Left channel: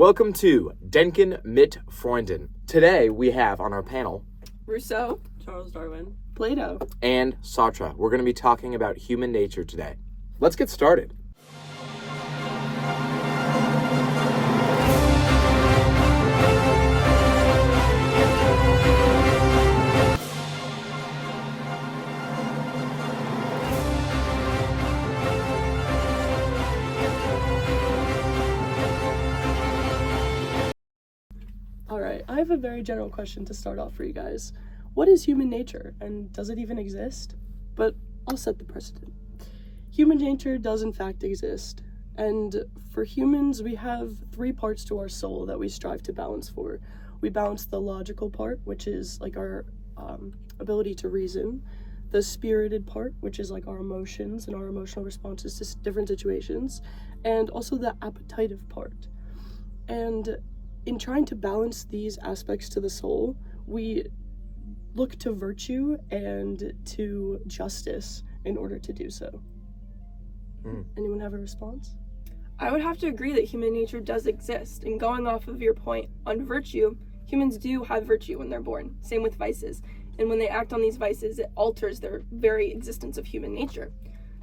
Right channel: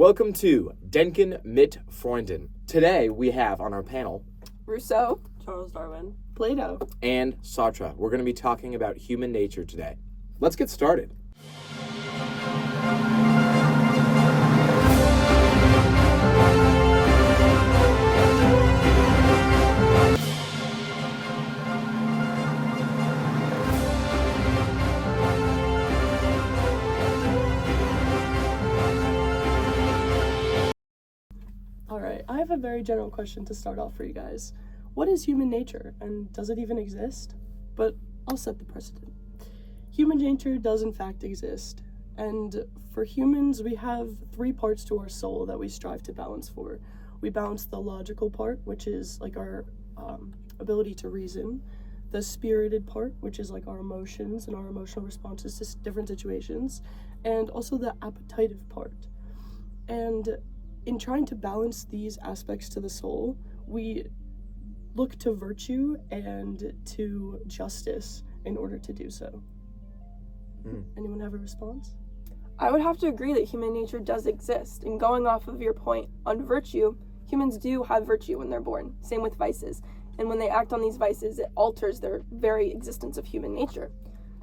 Welcome to Denken mit Freunden. Today we have on our panel Rousseau, Charles Darwin, Plato, and Sartre. We're going to be talking about human nature today. Let's get started. Alright, I have a very general question to start off for you guys. What is human nature, and does it even exist? But I'll set the precedent. Human nature does in fact exist, and for humans we have three parts to our soul that we strive to balance for. We balance the logical part, which is like our ability to reason, the spirited part, which is like our emotions and our emotional responses to different situations, and also the appetitive part. And in trying to balance these aspects to the soul, we look to virtue and to justice in order to do so. Anyone have a response? I would have to agree that human nature does exist. And going off of your point on virtue, humans do have virtue when they're born. Same with vices. And when they act on these vices, it alters their very existence of human nature.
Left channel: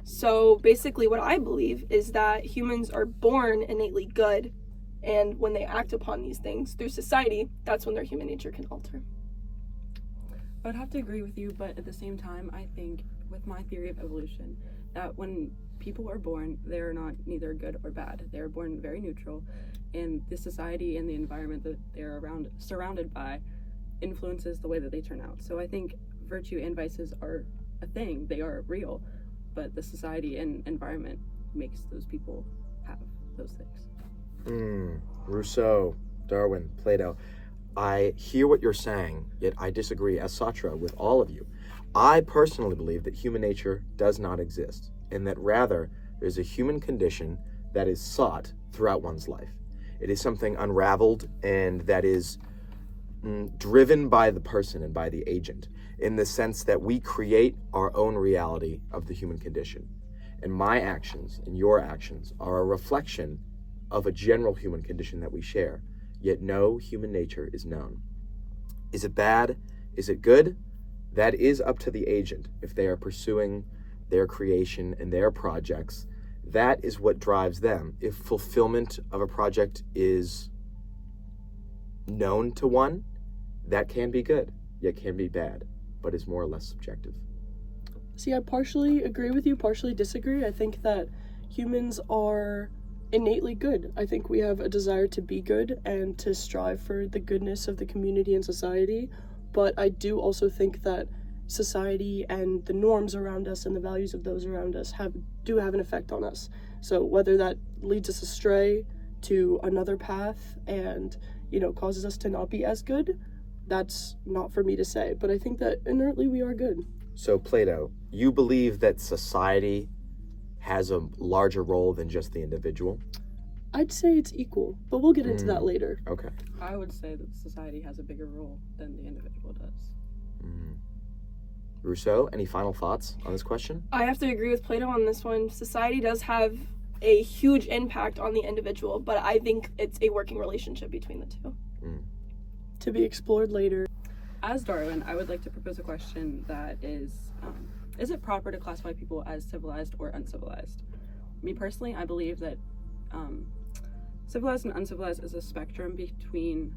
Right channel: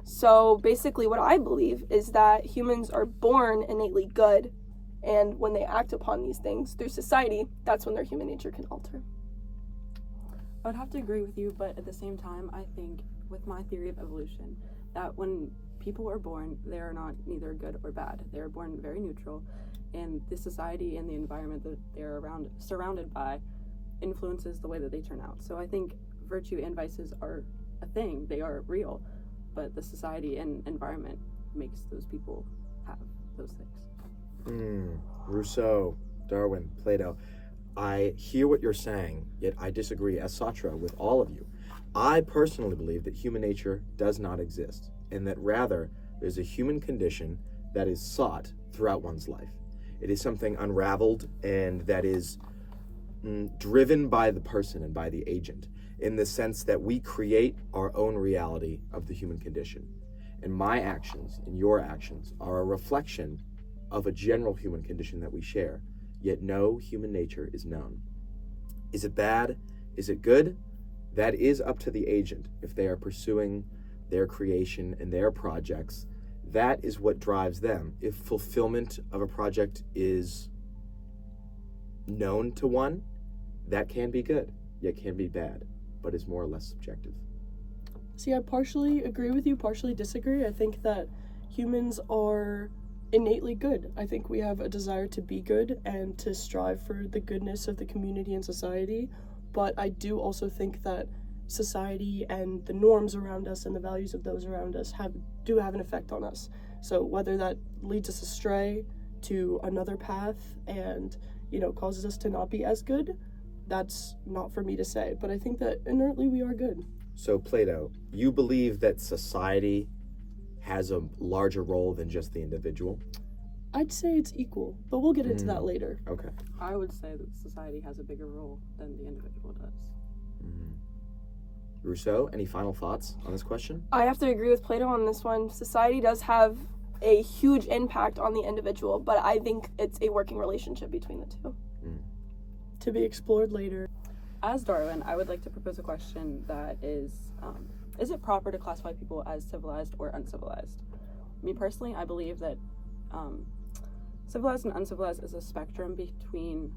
So basically what I believe is that humans are born innately good, and when they act upon these things through society, that's when their human nature can alter. I would have to agree with you, but at the same time, I think with my theory of evolution, that when people are born, they are not neither good or bad. They are born very neutral, and the society and the environment that they're surrounded by influences the way that they turn out. So I think virtue and vices are a thing. They are real, but the society and environment makes those people have those things. Rousseau, Darwin, Plato. I hear what you're saying, yet I disagree as Sartre with all of you. I personally believe that human nature does not exist, and that rather there's a human condition that is sought throughout one's life. It is something unraveled and that is driven by the person and by the agent, in the sense that we create our own reality of the human condition. And my actions and your actions are a reflection of a general human condition that we share, yet no human nature is known. Is it bad? Is it good? That is up to the agent. If they are pursuing their creation and their projects, that is what drives them. If fulfillment of a project is known to one, that can be good, yet can be bad, but is more or less subjective. See, I partially agree with you, partially disagree. I think that humans are innately good. I think we have a desire to be good and to strive for the goodness of the community and society, but I do also think that society and the norms around us and the values of those around us do have an effect on us. So whether that leads us astray to another path and, causes us to not be as good, that's not for me to say, but I think that inertly we are good. So Plato, you believe that society has a larger role than just the individual? I'd say it's equal, but we'll get into that later. Okay. I would say that society has a bigger role than the individual does. Rousseau, any final thoughts on this question? I have to agree with Plato on this one. Society does have a huge impact on the individual, but I think it's a working relationship between the two. To be explored later. As Darwin, I would like to propose a question that is it proper to classify people as civilized or uncivilized? Me personally, I believe that civilized and uncivilized is a spectrum between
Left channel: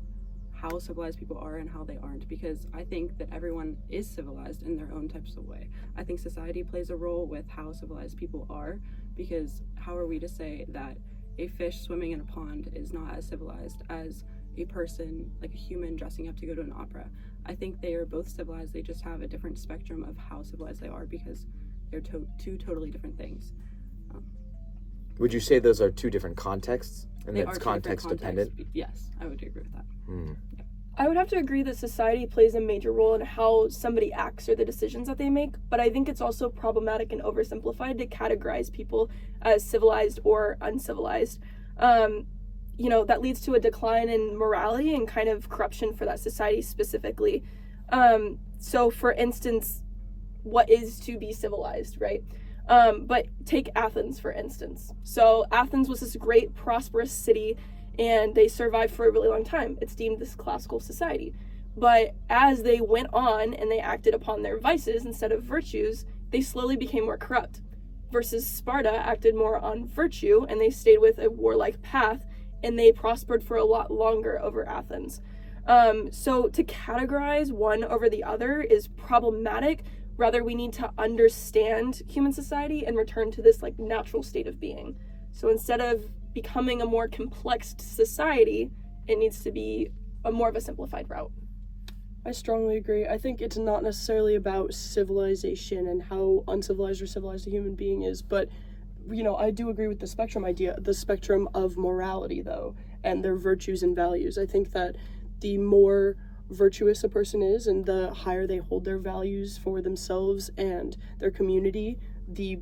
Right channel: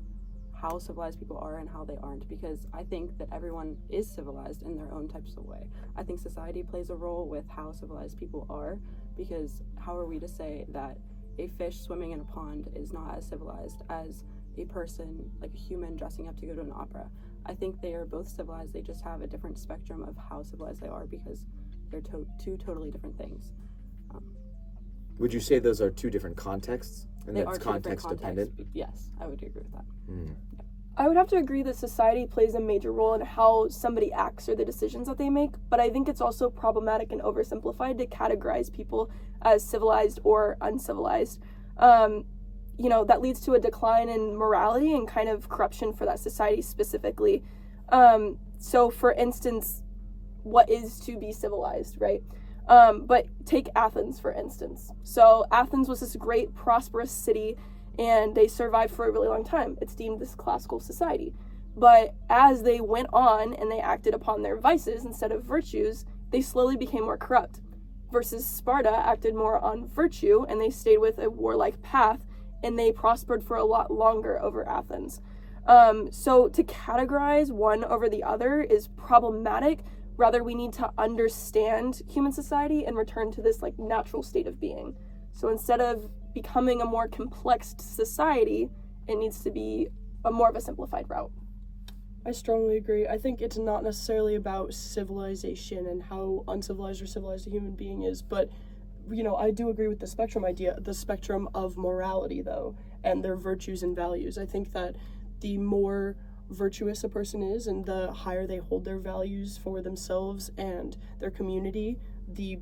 how civilized people are and how they aren't, because I think that everyone is civilized in their own types of way. I think society plays a role with how civilized people are, because how are we to say that a fish swimming in a pond is not as civilized as a person, like a human, dressing up to go to an opera? I think they are both civilized, they just have a different spectrum of how civilized they are, because they're two totally different things. Would you say those are two different contexts? And They that's are two different context dependent? Yes, I would agree with that. I would have to agree that society plays a major role in how somebody acts or the decisions that they make, but I think it's also problematic and oversimplified to categorize people as civilized or uncivilized. That leads to a decline in morality and kind of corruption for that society specifically. So for instance, what is to be civilized, right? But take Athens, for instance. So Athens was this great, prosperous city and they survived for a really long time. It's deemed this classical society. But as they went on and they acted upon their vices instead of virtues, they slowly became more corrupt. Versus Sparta acted more on virtue, and they stayed with a warlike path, and they prospered for a lot longer over Athens. So to categorize one over the other is problematic. Rather, we need to understand human society and return to this like natural state of being. So instead of becoming a more complex society, it needs to be more of a simplified route. I strongly agree. I think it's not necessarily about civilization and how uncivilized or civilized a human being is, but, you know, I do agree with the spectrum idea, the spectrum of morality, though, and their virtues and values. I think that the more virtuous a person is and the higher they hold their values for themselves and their community, the,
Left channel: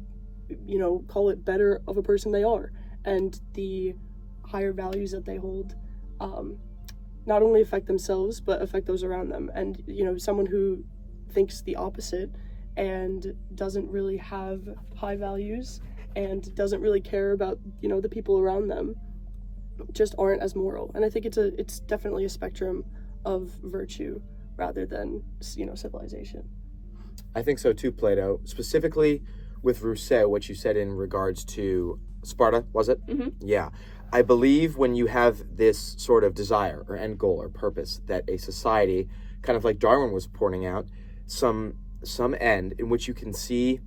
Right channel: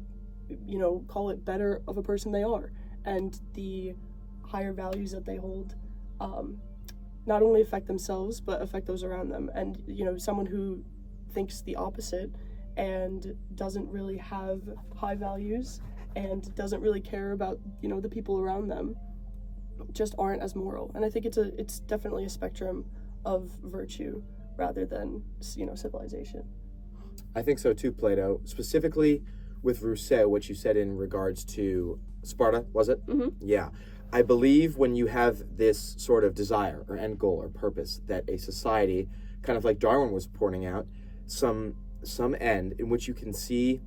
you know, call it better of a person they are. And the higher values that they hold, not only affect themselves, but affect those around them. And, you know, someone who thinks the opposite and doesn't really have high values and doesn't really care about, you know, the people around them just aren't as moral. And I think it's definitely a spectrum of virtue rather than, you know, civilization. I think so too, Plato. Specifically with Rousseau, what you said in regards to Sparta, was it? Mm-hmm. Yeah. I believe when you have this sort of desire or end goal or purpose that a society, kind of like Darwin was pointing out, some end in which you can see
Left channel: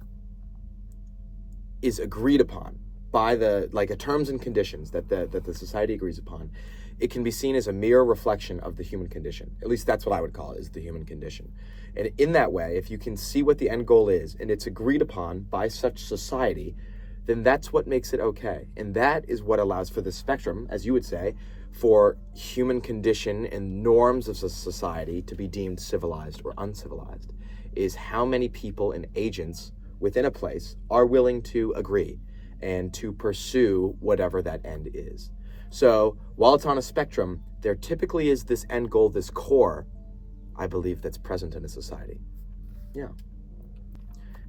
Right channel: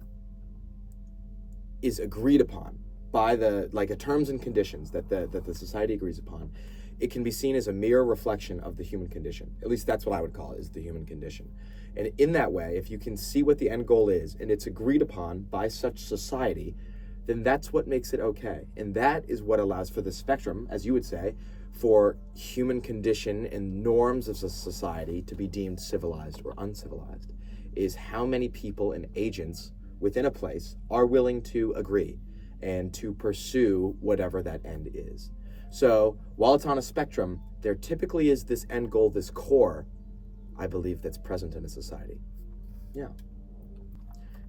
is agreed upon by the terms and conditions that the society agrees upon, it can be seen as a mere reflection of the human condition. At least that's what I would call it, is the human condition. And in that way, if you can see what the end goal is and it's agreed upon by such society, then that's what makes it okay. And that is what allows for the spectrum, as you would say, for human condition and norms of society to be deemed civilized or uncivilized, is how many people and agents within a place are willing to agree and to pursue whatever that end is. So while it's on a spectrum, there typically is this end goal, this core, I believe, that's present in a society. Yeah.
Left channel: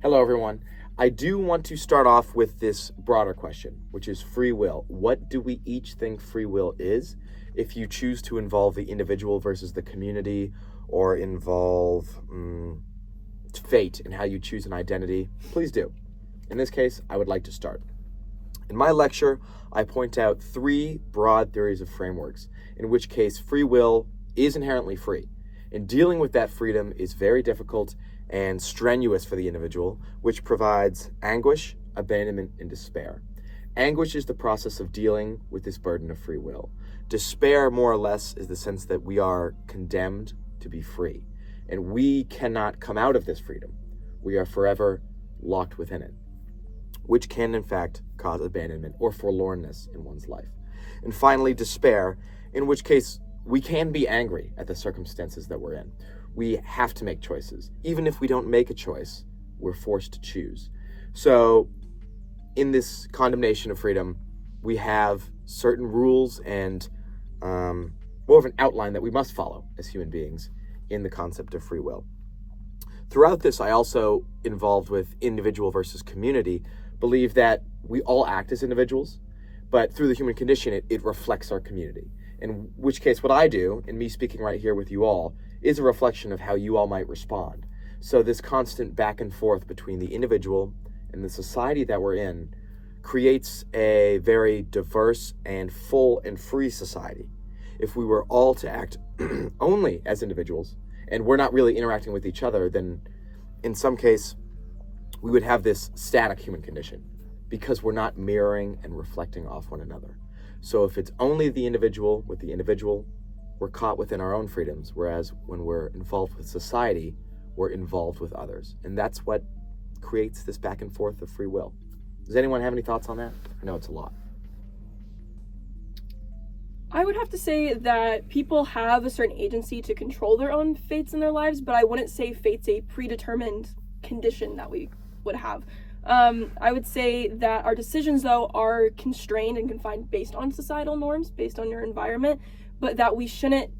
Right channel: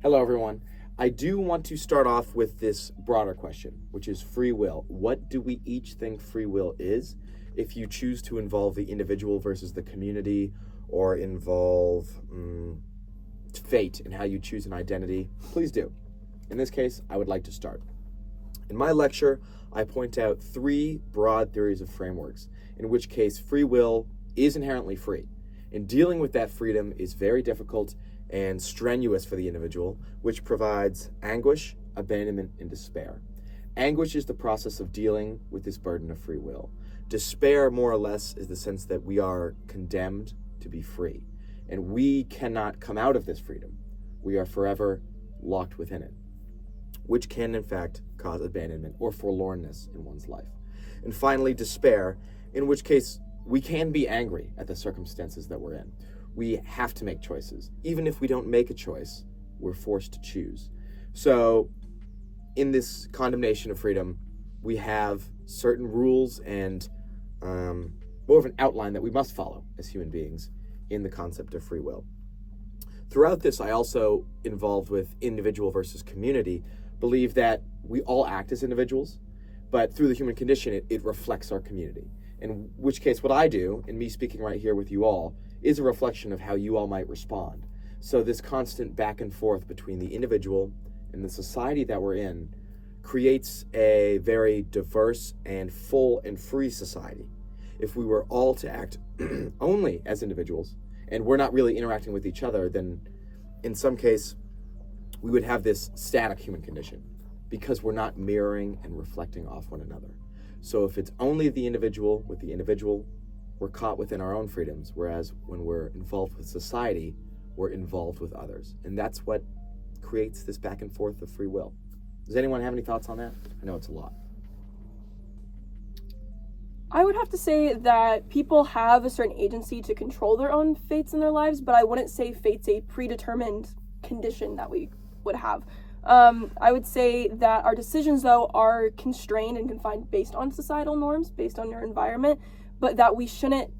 Hello, everyone. I do want to start off with this broader question, which is free will. What do we each think free will is? If you choose to involve the individual versus the community, or involve fate in how you choose an identity, please do. In this case, I would like to start. In my lecture, I point out 3 broad theories of frameworks, in which case free will is inherently free. And dealing with that freedom is very difficult and strenuous for the individual, which provides anguish, abandonment, and despair. Anguish is the process of dealing with this burden of free will. Despair, more or less, is the sense that we are condemned to be free, and we cannot come out of this freedom. We are forever locked within it, which can, in fact, cause abandonment or forlornness in one's life. And finally, despair, in which case we can be angry at the circumstances that we're in. We have to make choices. Even if we don't make a choice, we're forced to choose. So in this condemnation of freedom, we have certain rules and more of an outline that we must follow as human beings in the concept of free will. Throughout this, I also, involved with individual versus community, believe that we all act as individuals, but through the human condition, it reflects our community. In which case, what I do, and me speaking right here with you all, is a reflection of how you all might respond. So this constant back and forth between the individual and the society that we're in creates a very diverse and full and free society. If we were all to act only as individuals, and we're not really interacting with each other, then in some case, we would have this static human condition because we're not mirroring and reflecting off one another. So if it's only the individual with the individual, we're caught within our own freedoms, whereas when we're involved with society, we're involved with others. And that's what creates this back and forth of free will. Does anyone have any thoughts on that? I know it's a lot. I would have to say that people have a certain agency to control their own fates in their lives, but I wouldn't say fate's a predetermined condition that we would have. I would say that our decisions, though, are constrained and confined based on societal norms, based on your environment, but that we shouldn't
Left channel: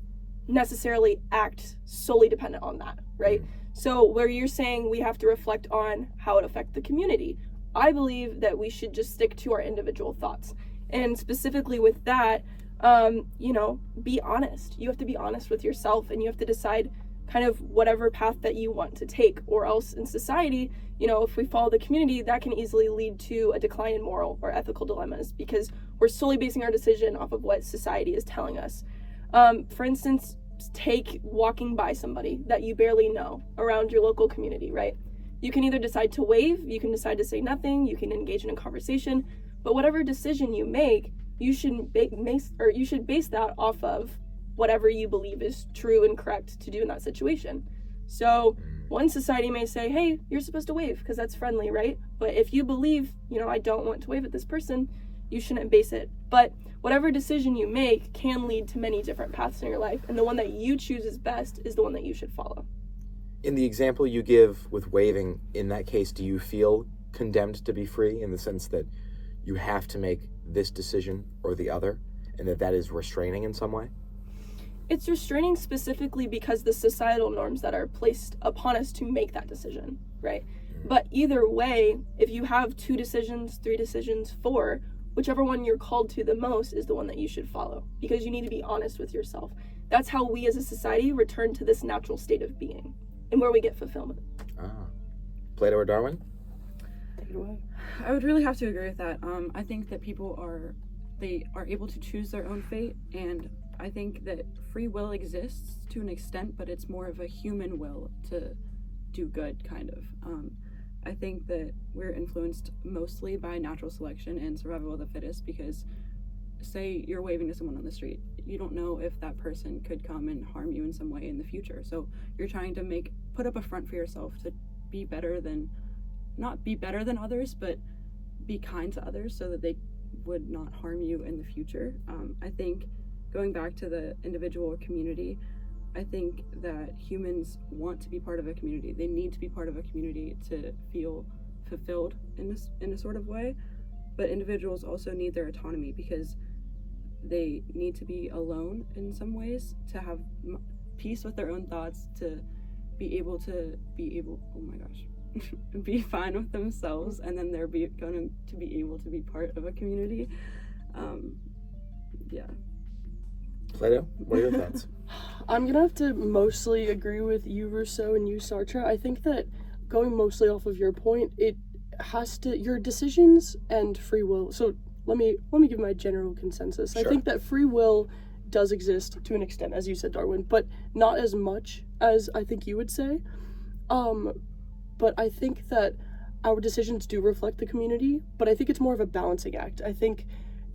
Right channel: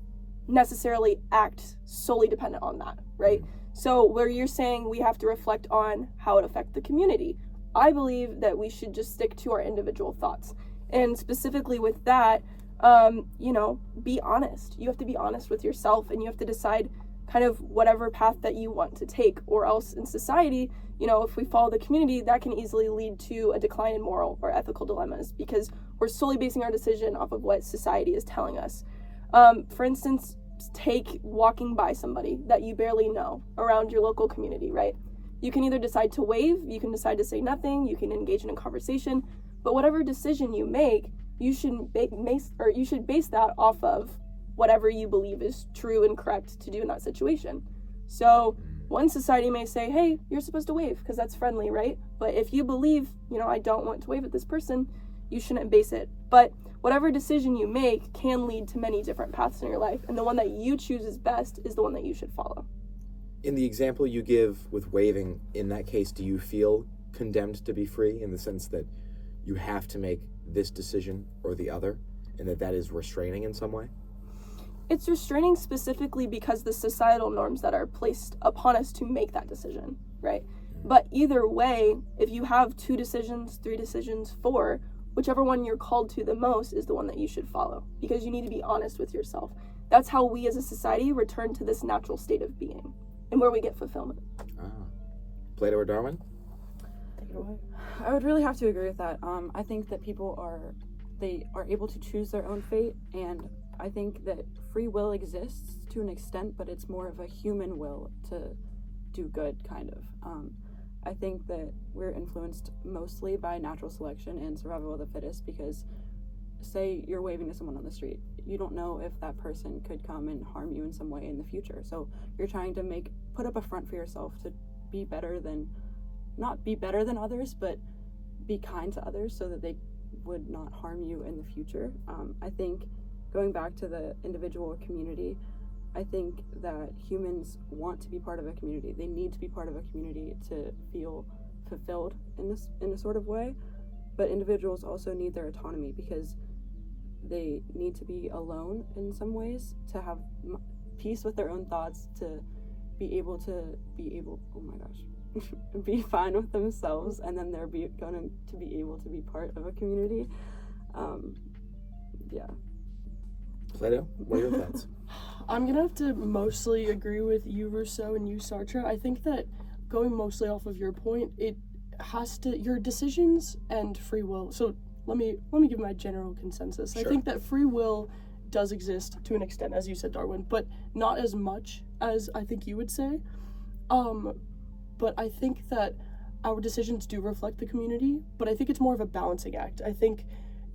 necessarily act solely dependent on that, right? So where you're saying we have to reflect on how it affects the community, I believe that we should just stick to our individual thoughts. And specifically with that, Be honest. You have to be honest with yourself, and you have to decide kind of whatever path that you want to take, or else in society, if we follow the community, that can easily lead to a decline in moral or ethical dilemmas, because we're solely basing our decision off of what society is telling us. For instance, take walking by somebody that you barely know around your local community, right? You can either decide to wave, you can decide to say nothing, you can engage in a conversation, but whatever decision you make, you should base that off of whatever you believe is true and correct to do in that situation. So one society may say, hey, you're supposed to wave because that's friendly, right? But if you believe, I don't want to wave at this person, you shouldn't base it. But whatever decision you make can lead to many different paths in your life, and the one that you choose is best is the one that you should follow. In the example you give with waving, in that case, do you feel condemned to be free in the sense that you have to make this decision or the other, and that is restraining in some way? It's restraining specifically because the societal norms that are placed upon us to make that decision, right? But either way, if you have 2 decisions, 3 decisions, 4, whichever one you're called to the most is the one that you should follow, because you need to be honest with yourself. That's how we as a society return to this natural state of being and where we get fulfillment. Plato or Darwin? Take it away. I would really have to agree with that. I think that people are able to choose their own fate, and I think that free will exists to an extent, but it's more of a human will to do good, kind of. I think that we're influenced mostly by natural selection and survival of the fittest, because say you're waving to someone on the street, you don't know if that person could come and harm you in some way in the future. So you're trying to put up a front for yourself to be better than, not be better than others, but be kind to others so that they would not harm you in the future. I think going back to the individual community, I think that humans want to be part of a community. They need to be part of a community to feel fulfilled in a sort of way. But individuals also need their autonomy, because they need to be alone in some ways to have peace with their own thoughts, to be able oh my gosh, be fine with themselves, and then they're going to be able to be part of a community. Yeah. Plato, what are your thoughts? I'm gonna have to mostly agree with you, Rousseau, and you, Sartre. I think that going mostly off of your point, it has to, your decisions and free will. So let me give my general consensus. Sure. I think that free will does exist to an extent, as you said, Darwin, but not as much as I think you would say. But I think that our decisions do reflect the community, but I think it's more of a balancing act. I think,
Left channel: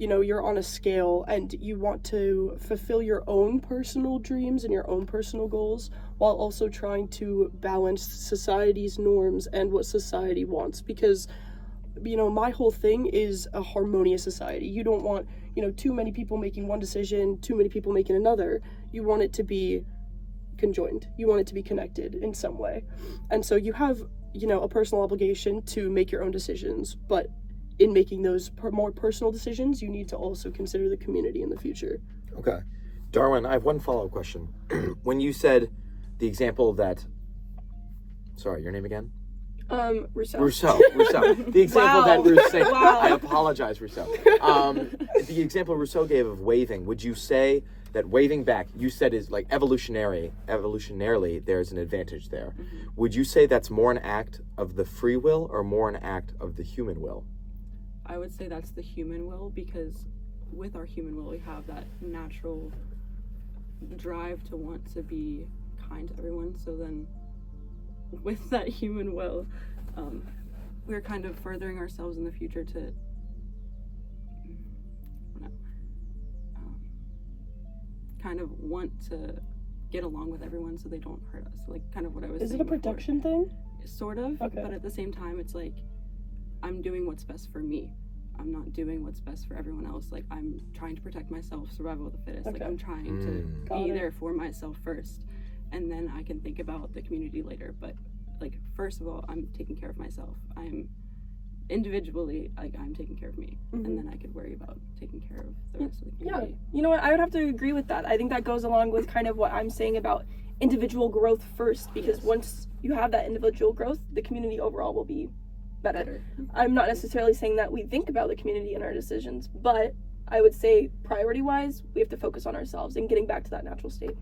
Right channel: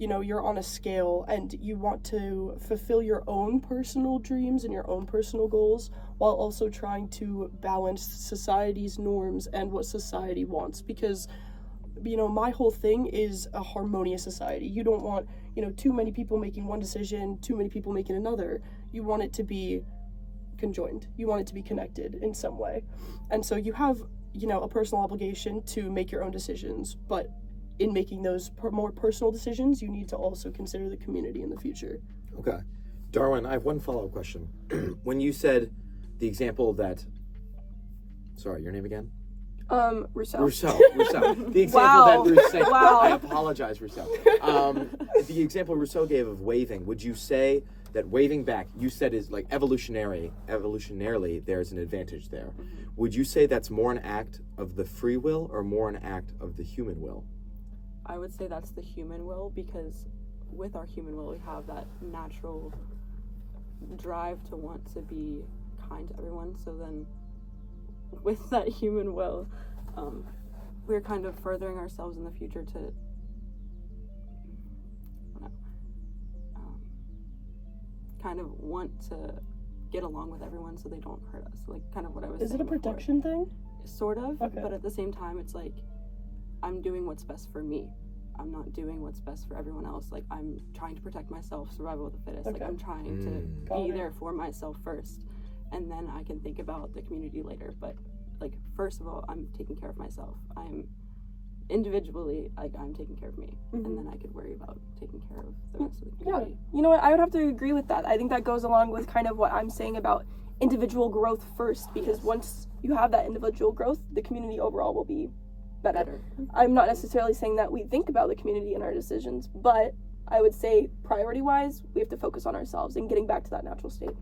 you're on a scale and you want to fulfill your own personal dreams and your own personal goals while also trying to balance society's norms and what society wants. Because, my whole thing is a harmonious society. You don't want, too many people making one decision, too many people making another. You want it to be conjoined. You want it to be connected in some way. And so you have, a personal obligation to make your own decisions, but in making those more personal decisions, you need to also consider the community in the future. Okay. Darwin, I have one follow-up question. When you said the example that, sorry, your name again? Rousseau. The example that Rousseau, Wow. I apologize, Rousseau. The example Rousseau gave of waving, would you say that waving back, you said is like evolutionarily, there's an advantage there. Mm-hmm. Would you say that's more an act of the free will or more an act of the human will? I would say that's the human will, because with our human will, we have that natural drive to want to be kind to everyone. So then with that human will, we're kind of furthering ourselves in the future to kind of want to get along with everyone so they don't hurt us. Like kind of what I was saying. Is it a protection thing? Sort of, Okay. But at the same time, it's like I'm doing what's best for me. I'm not doing what's best for everyone else. Like I'm trying to protect myself, survival of the fittest. Okay. Like I'm trying to be there for myself first, and then I can think about the community later. But like first of all, I'm taking care of myself. I'm individually, like I'm taking care of me, and then I could worry about taking care of the rest of the community. Yeah, you know what? I would have to agree with that. I think that goes along with kind of what I'm saying about individual growth first, because once you have that individual growth, the community overall will be better. I'm not necessarily saying that we think about the community in our decisions, but I would say priority-wise, we have to focus on ourselves and getting back to that natural state.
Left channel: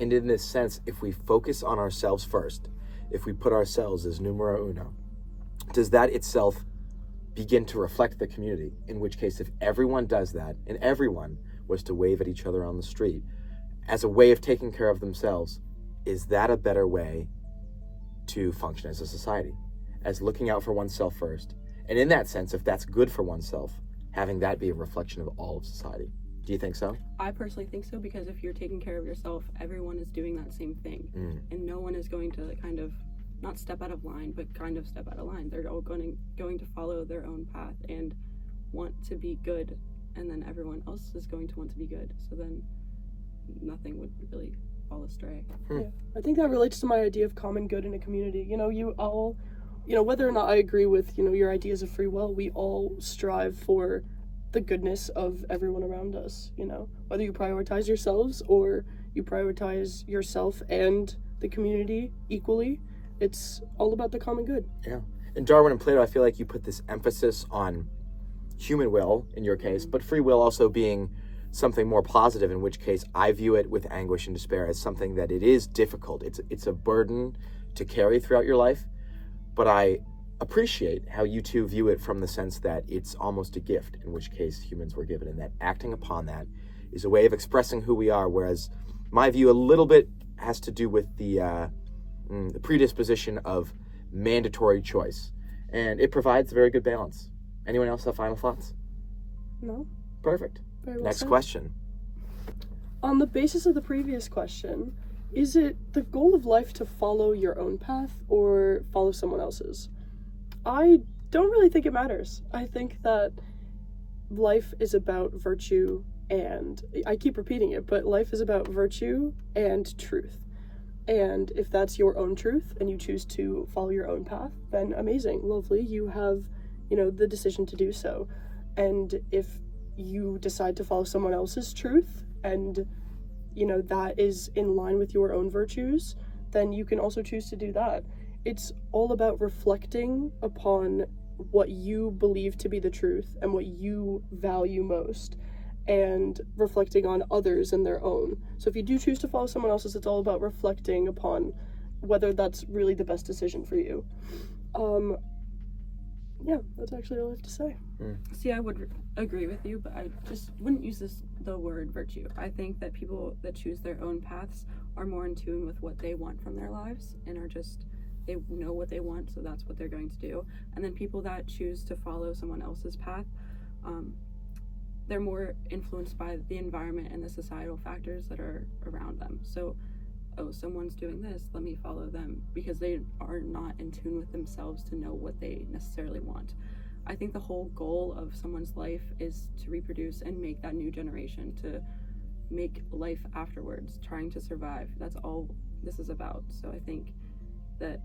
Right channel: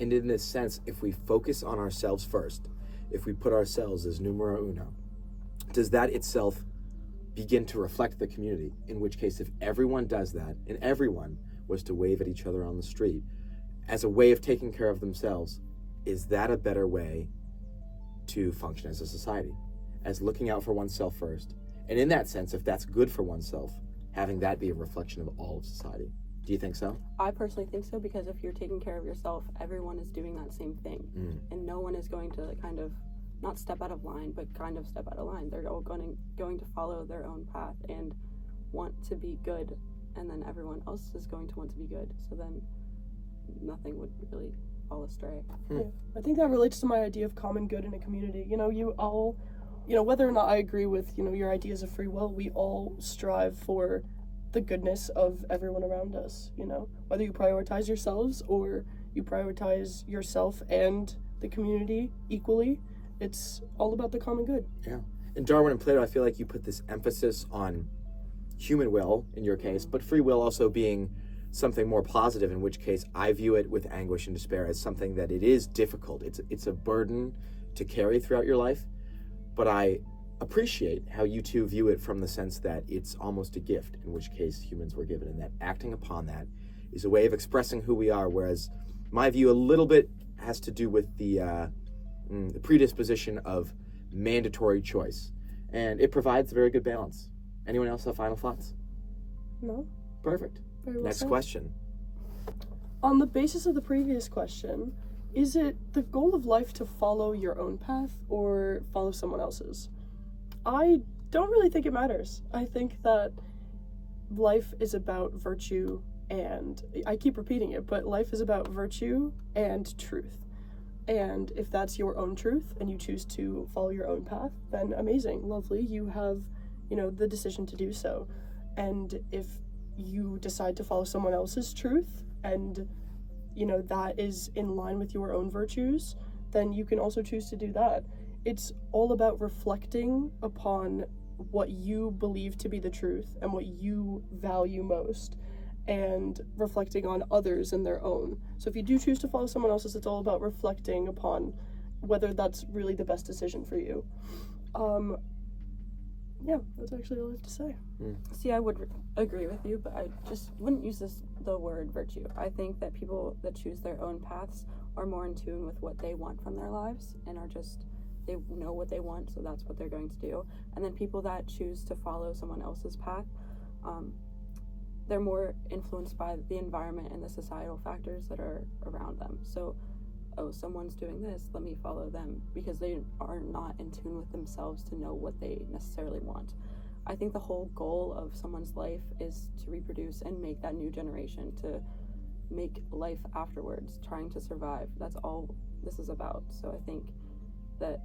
And in this sense, if we focus on ourselves first, if we put ourselves as numero uno, does that itself begin to reflect the community? In which case, if everyone does that, and everyone was to wave at each other on the street as a way of taking care of themselves, is that a better way to function as a society? As looking out for oneself first. And in that sense, if that's good for oneself, having that be a reflection of all of society. Do you think so? I personally think so, because if you're taking care of yourself, everyone is doing that same thing. And no one is going to kind of not step out of line, but kind of step out of line. They're all going to follow their own path and want to be good, and then everyone else is going to want to be good. So then nothing would really fall astray. Yeah, I think that relates to my idea of common good in a community. You all, whether or not I agree with, your ideas of free will, we all strive for the goodness of everyone around us, whether you prioritize yourselves or you prioritize yourself and the community equally, it's all about the common good. Yeah. In Darwin and Plato, I feel like you put this emphasis on human will in your case, but free will also being something more positive, in which case I view it with anguish and despair as something that it is difficult. It's a burden to carry throughout your life, but I appreciate how you two view it from the sense that it's almost a gift, in which case humans were given, and that acting upon that is a way of expressing who we are, whereas my view a little bit has to do with the predisposition of mandatory choice, and it provides a very good balance. Anyone else have final thoughts? No? Perfect. Very well Next said. question. On the basis of the previous question, is it the goal of life to follow your own path or follow someone else's? I don't really think it matters. I think that life is about virtue, and I keep repeating it, but life is about virtue and truth. And if that's your own truth and you choose to follow your own path, then amazing, lovely, you have, the decision to do so. And if you decide to follow someone else's truth and, that is in line with your own virtues, then you can also choose to do that. It's all about reflecting upon what you believe to be the truth and what you value most, and reflecting on others and their own. So if you do choose to follow someone else's, it's all about reflecting upon whether that's really the best decision for you. Yeah, that's actually all I have to say. See, I would agree with you, but I just wouldn't use the word virtue. I think that people that choose their own paths are more in tune with what they want from their lives, and they know what they want, so that's what they're going to do. And then people that choose to follow someone else's path, they're more influenced by the environment and the societal factors that are around them. So, someone's doing this, let me follow them, because they are not in tune with themselves to know what they necessarily want. I think the whole goal of someone's life is to reproduce and make that new generation, to make life afterwards, trying to survive. That's all this is about. So I think that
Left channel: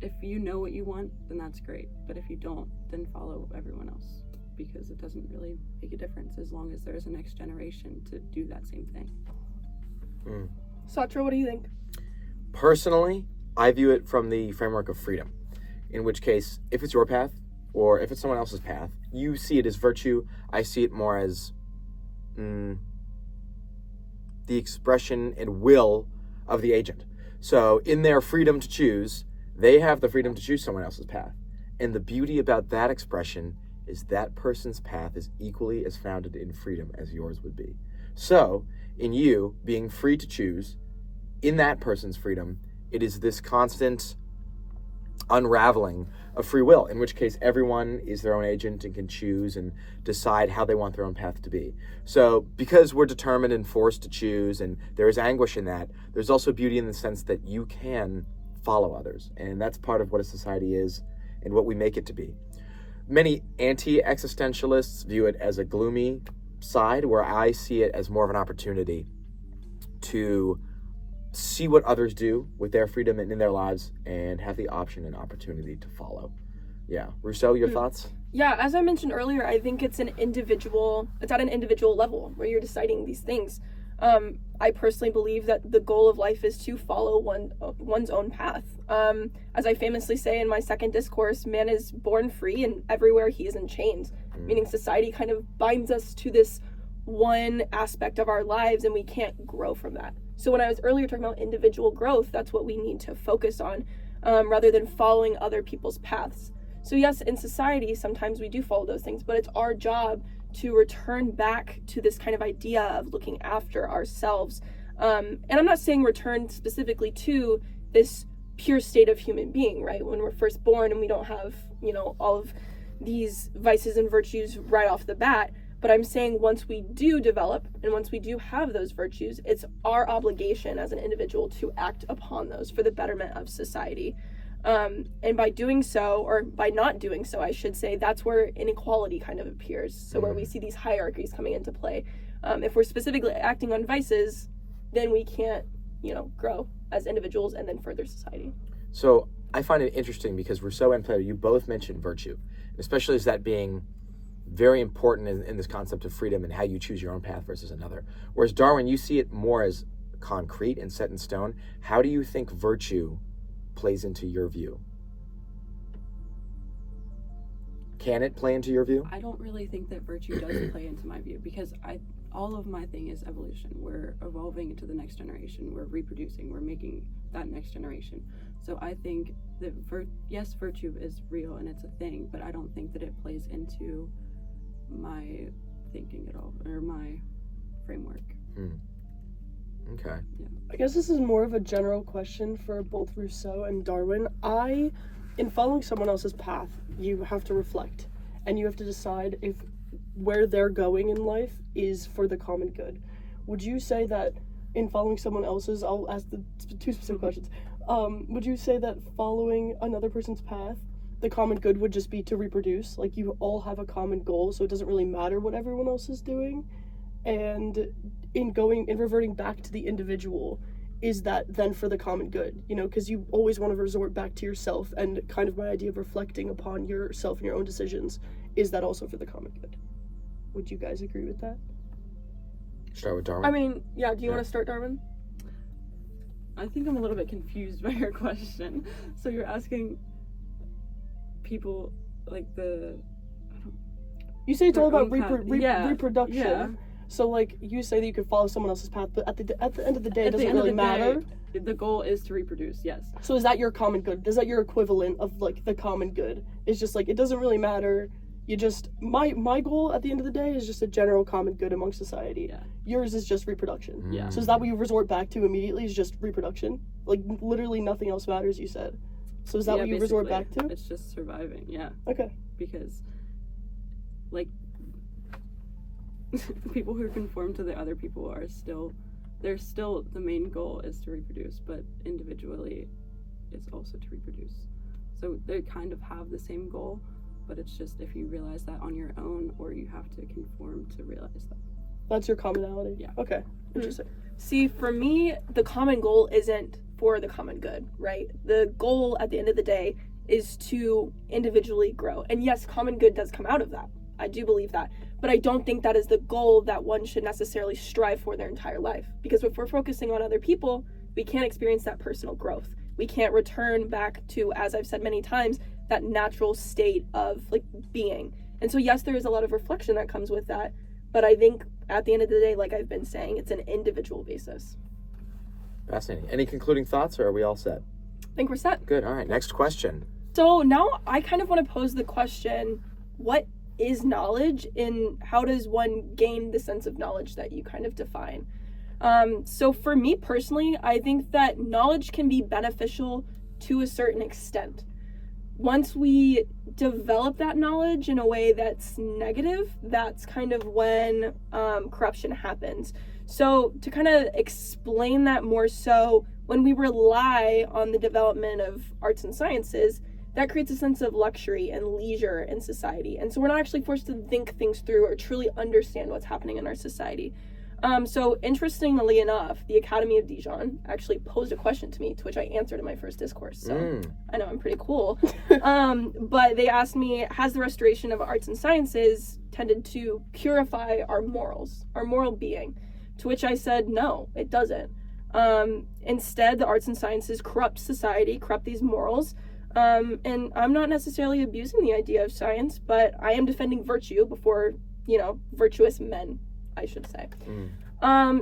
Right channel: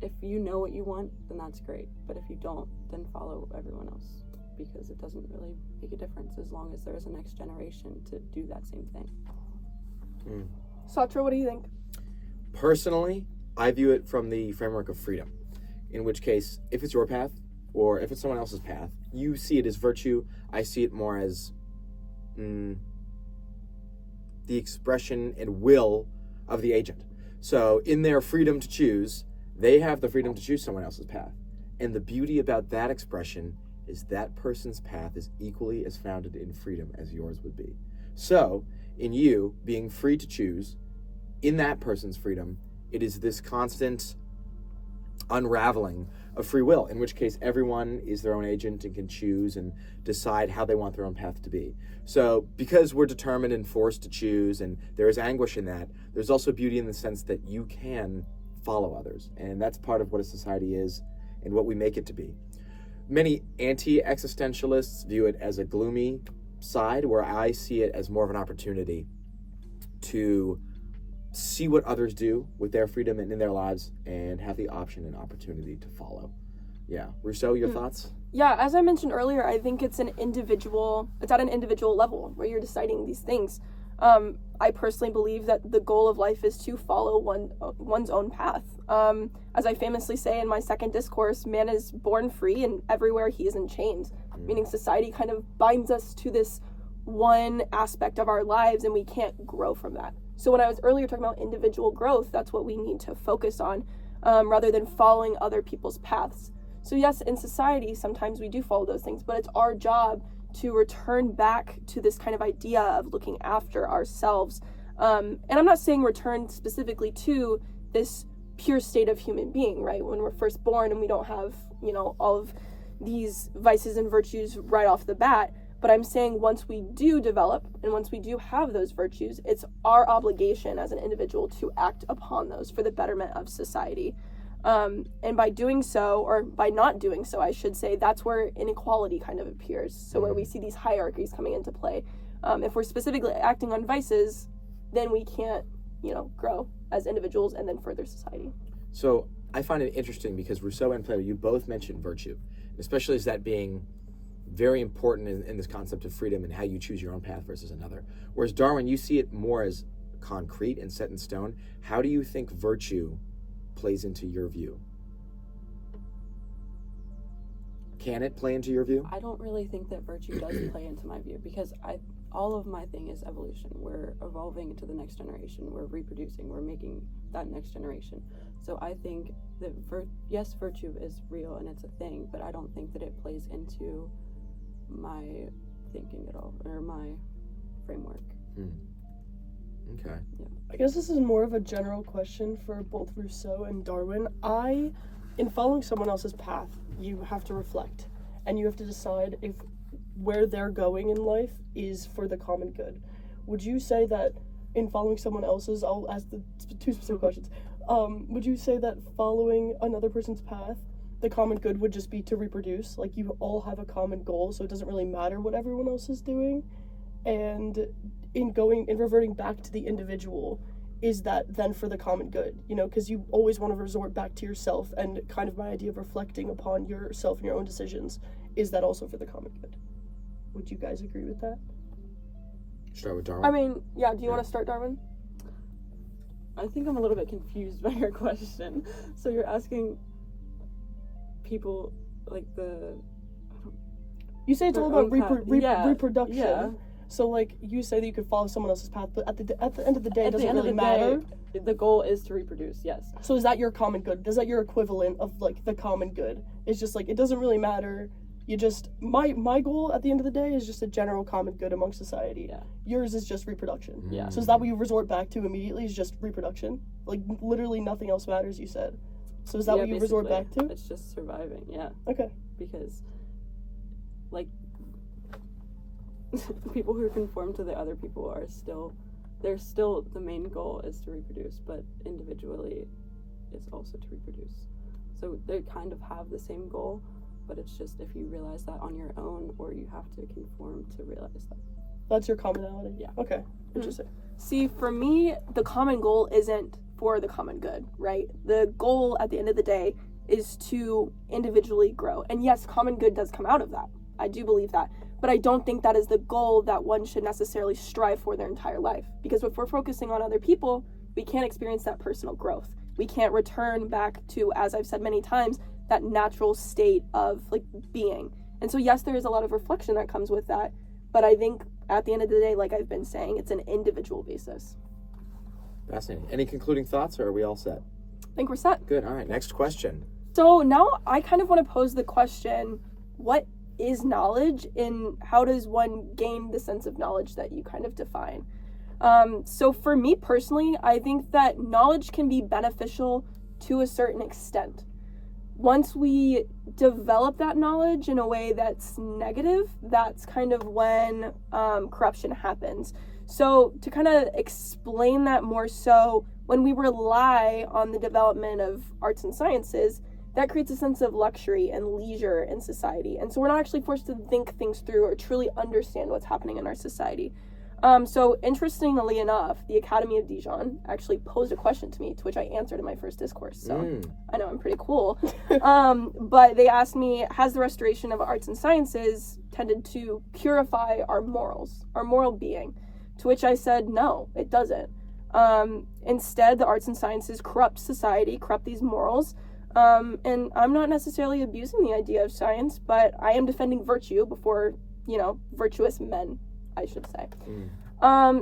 if you know what you want, then that's great. But if you don't, then follow everyone else, because it doesn't really make a difference as long as there is a next generation to do that same thing. Satra, what do you think? Personally, I view it from the framework of freedom, in which case, if it's your path or if it's someone else's path, you see it as virtue. I see it more as the expression and will of the agent. So in their freedom to choose, they have the freedom to choose someone else's path. And the beauty about that expression is that person's path is equally as founded in freedom as yours would be. So, in you being free to choose, in that person's freedom, it is this constant unraveling of free will, in which case everyone is their own agent and can choose and decide how they want their own path to be. So, because we're determined and forced to choose, and there is anguish in that, there's also beauty in the sense that you can follow others. And that's part of what a society is and what we make it to be. Many anti-existentialists view it as a gloomy side, where I see it as more of an opportunity to see what others do with their freedom and in their lives and have the option and opportunity to follow. Yeah. Rousseau, your thoughts? Yeah, as I mentioned earlier, I think it's at an individual level where you're deciding these things. I personally believe that the goal of life is to follow one's own path. As I famously say in my second discourse, man is born free and everywhere he is in chains. meaning society kind of binds us to this one aspect of our lives and we can't grow from that. So when I was earlier talking about individual growth, that's what we need to focus on, rather than following other people's paths. So yes, in society, sometimes we do follow those things, but it's our job to return back to this kind of idea of looking after ourselves. And I'm not saying return specifically to this pure state of human being, right? When we're first born and we don't have, all of these vices and virtues right off the bat. But I'm saying once we do develop and once we do have those virtues, it's our obligation as an individual to act upon those for the betterment of society. And by doing so, or by not doing so, I should say, that's where inequality kind of appears. So where we see these hierarchies coming into play. If we're specifically acting on vices, then we can't, grow as individuals and then further society. So I find it interesting because Rousseau and Plato, you both mentioned virtue, especially as that being very important in this concept of freedom and how you choose your own path versus another. Whereas Darwin, you see it more as concrete and set in stone. How do you think virtue plays into your view? Can it play into your view? I don't really think that virtue does play into my view, because all of my thing is evolution. We're evolving into the next generation. We're reproducing. We're making that next generation. So I think that yes, virtue is real and it's a thing, but I don't think that it plays into my thinking at all, or my framework. Okay. Yeah. I guess this is more of a general question for both Rousseau and Darwin. In following someone else's path, you have to reflect and you have to decide if where they're going in life is for the common good. Would you say that in following someone else's, I'll ask the two specific questions. Would you say that following another person's path, the common good would just be to reproduce? Like, you all have a common goal, so it doesn't really matter what everyone else is doing? And in reverting back to the individual, is that then for the common good? Because you always want to resort back to yourself, and kind of my idea of reflecting upon yourself and your own decisions, is that also for the common good? Would you guys agree with that? Start with Darwin. I mean, yeah, do you want to start, Darwin? I think I'm a little bit confused by your question. So you're asking people like you say it's all about yeah, reproduction. Yeah. So like you say that you can follow someone else's path, but at the end of the day, it doesn't really matter. The goal is to reproduce. Yes. So is that your common good? Is that your equivalent of like the common good? It's just like it doesn't really matter. You just my goal at the end of the day is just a general common good among society. Yeah. Yours is just reproduction. Yeah. So is that what you resort back to immediately? Is just reproduction? Like literally nothing else matters, you said. So is that what you resort back to? It's just surviving. Yeah. Okay. Because like people who conform to the other people are still the main goal is to reproduce, but individually it's also to reproduce. So they kind of have the same goal, but it's just if you realize that on your own, or you have to conform to realize that. That's your commonality? Yeah. Okay. Interesting. See, for me, the common goal isn't for the common good, right? The goal at the end of the day is to individually grow. And yes, common good does come out of that. I do believe that. But I don't think that is the goal that one should necessarily strive for their entire life. Because if we're focusing on other people, we can't experience that personal growth. We can't return back to, as I've said many times, that natural state of like being. And so yes, there is a lot of reflection that comes with that. But I think at the end of the day, like I've been saying, it's an individual basis. Fascinating. Any concluding thoughts, or are we all set? I think we're set. Good. All right. Next question. So now I kind of want to pose the question, what is knowledge, and how does one gain the sense of knowledge that you kind of define? So for me personally, I think that knowledge can be beneficial to a certain extent. Once we develop that knowledge in a way that's negative, that's kind of when corruption happens. So to kind of explain that more so, when we rely on the development of arts and sciences, that creates a sense of luxury and leisure in society. And so we're not actually forced to think things through or truly understand what's happening in our society. So interestingly enough, the Academy of Dijon actually posed a question to me, to which I answered in my first discourse. So I know I'm pretty cool. But they asked me, has the restoration of arts and sciences tended to purify our morals, our moral being? To which I said, no, it doesn't. Instead, the arts and sciences corrupt society, corrupt these morals, And I'm not necessarily abusing the idea of science, but I am defending virtue before, virtuous men, I should say.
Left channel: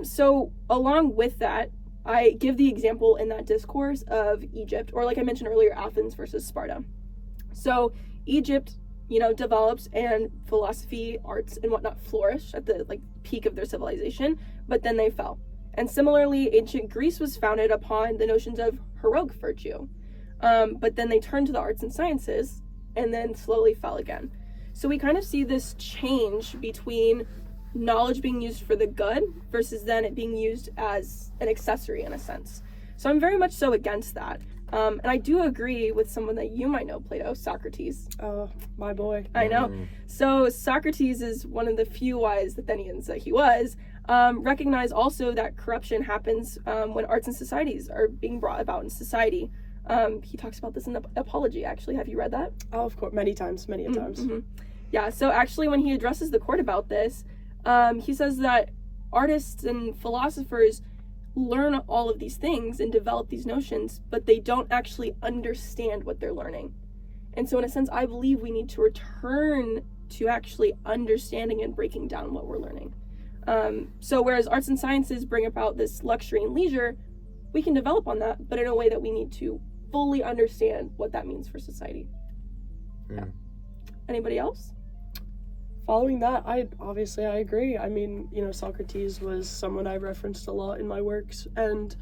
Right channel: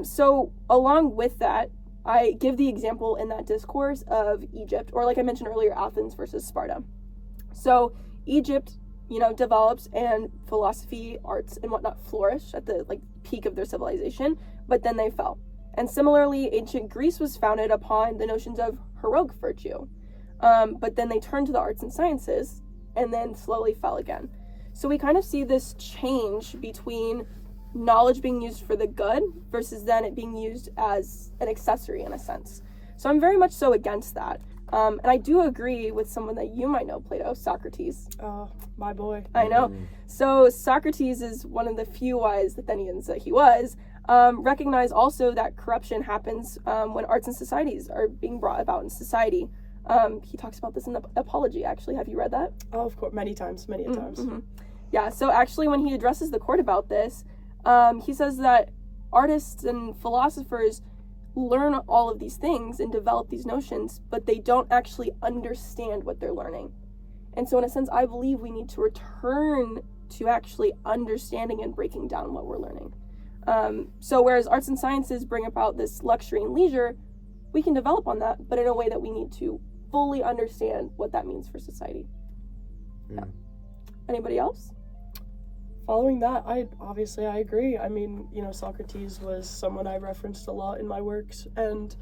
So along with that, I give the example in that discourse of Egypt, or like I mentioned earlier, Athens versus Sparta. So Egypt, develops, and philosophy, arts, and whatnot flourish at the peak of their civilization, but then they fell. And similarly, ancient Greece was founded upon the notions of heroic virtue, but then they turned to the arts and sciences, and then slowly fell again. So we kind of see this change between knowledge being used for the good versus then it being used as an accessory in a sense. So I'm very much so against that. And I do agree with someone that you might know, Plato, Socrates. Oh, my boy. I know. So Socrates is one of the few wise Athenians that he was. Recognize also that corruption happens when arts and societies are being brought about in society. He talks about this in the Apology, actually. Have you read that? Oh, of course. Many times. Yeah, so actually when he addresses the court about this, he says that artists and philosophers learn all of these things and develop these notions, but they don't actually understand what they're learning. And so in a sense, I believe we need to return to actually understanding and breaking down what we're learning. So whereas arts and sciences bring about this luxury and leisure, we can develop on that, but in a way that we need to fully understand what that means for society. Yeah. Anybody else? Following that, I agree. I mean, Socrates was someone I referenced a lot in my works, and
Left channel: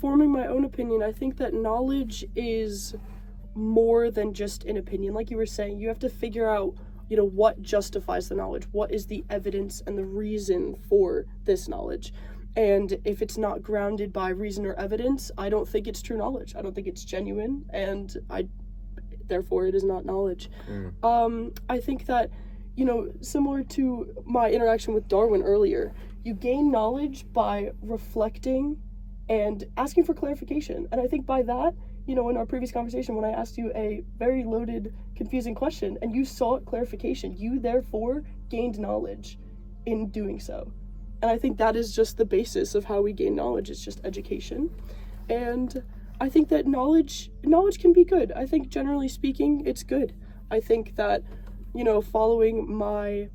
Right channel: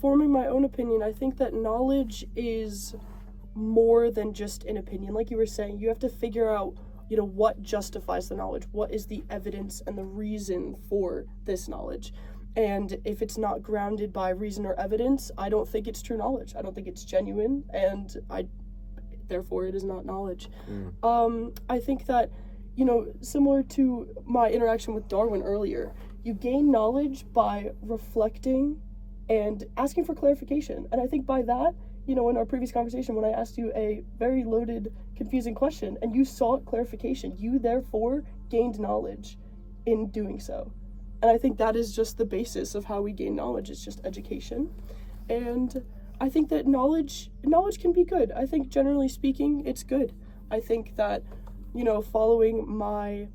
forming my own opinion, I think that knowledge is more than just an opinion. Like you were saying, you have to figure out, what justifies the knowledge, what is the evidence and the reason for this knowledge. And if it's not grounded by reason or evidence, I don't think it's true knowledge. I don't think it's genuine, and therefore it is not knowledge. I think that, similar to my interaction with Darwin earlier, you gain knowledge by reflecting and asking for clarification. And I think by that, in our previous conversation, when I asked you a very loaded, confusing question, and you sought clarification, you therefore gained knowledge in doing so. And I think that is just the basis of how we gain knowledge. It's just education. And I think that knowledge can be good. I think generally speaking, it's good. I think that, following my,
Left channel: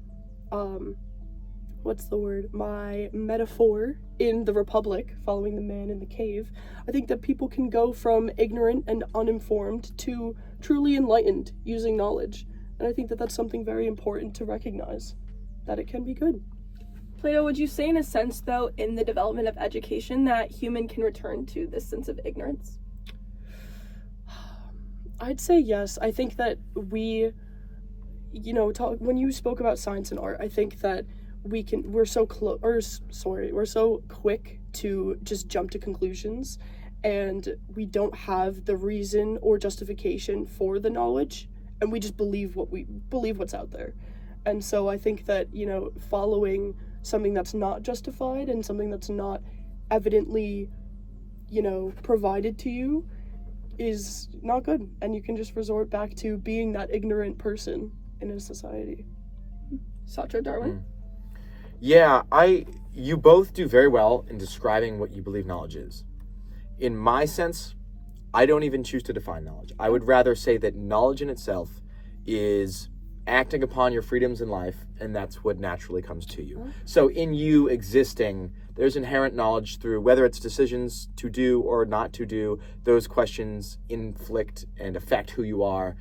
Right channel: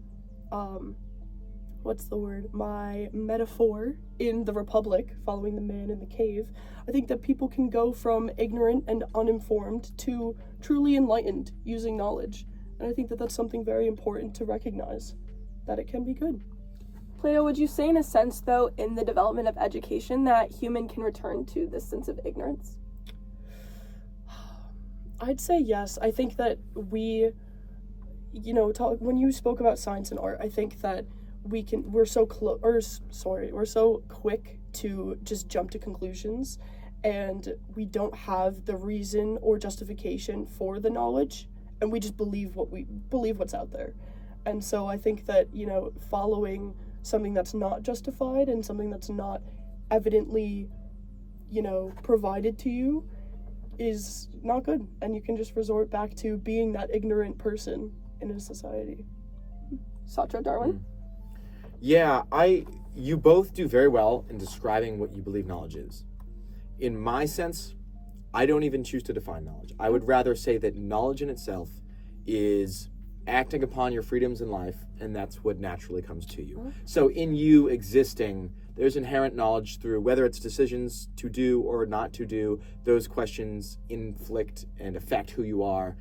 my metaphor in the Republic, following the man in the cave, I think that people can go from ignorant and uninformed to truly enlightened using knowledge. And I think that that's something very important to recognize, that it can be good. Plato, would you say in a sense, though, in the development of education, that human can return to this sense of ignorance? I'd say yes. I think that when you spoke about science and art, I think that we're so quick to just jump to conclusions, and we don't have the reason or justification for the knowledge, and we just believe what's out there. And so I think that, following something that's not justified and something that's not evidently, provided to you is not good. And you can just resort back to being that ignorant person in a society. Satra, Darwin? Yeah, you both do very well in describing what you believe knowledge is. In my sense, I don't even choose to define knowledge. I would rather say that knowledge in itself is acting upon your freedoms in life, and that's what naturally comes to you. So in you existing, there's inherent knowledge through whether it's decisions to do or not to do. Those questions inflict and affect who you are,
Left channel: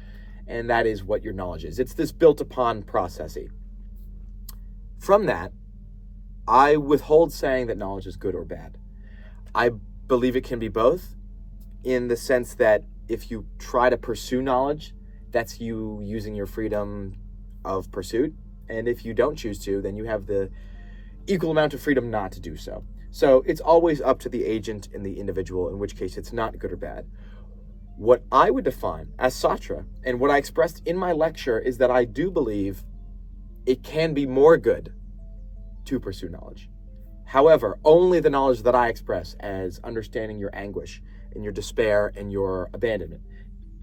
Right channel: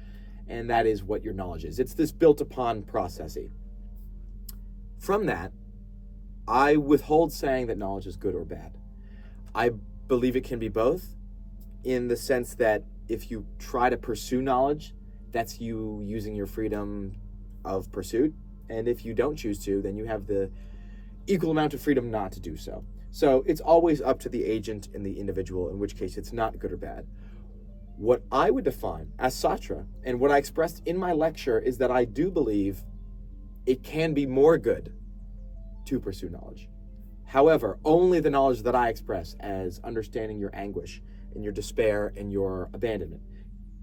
and that is what your knowledge is. It's this built upon processing. From that, I withhold saying that knowledge is good or bad. I believe it can be both, in the sense that if you try to pursue knowledge, that's you using your freedom of pursuit. And if you don't choose to, then you have the equal amount of freedom not to do so. So it's always up to the agent and the individual, in which case it's not good or bad. What I would define as Satra, and what I expressed in my lecture, is that I do believe it can be more good to pursue knowledge. However, only the knowledge that I express as understanding your anguish and your despair and your abandonment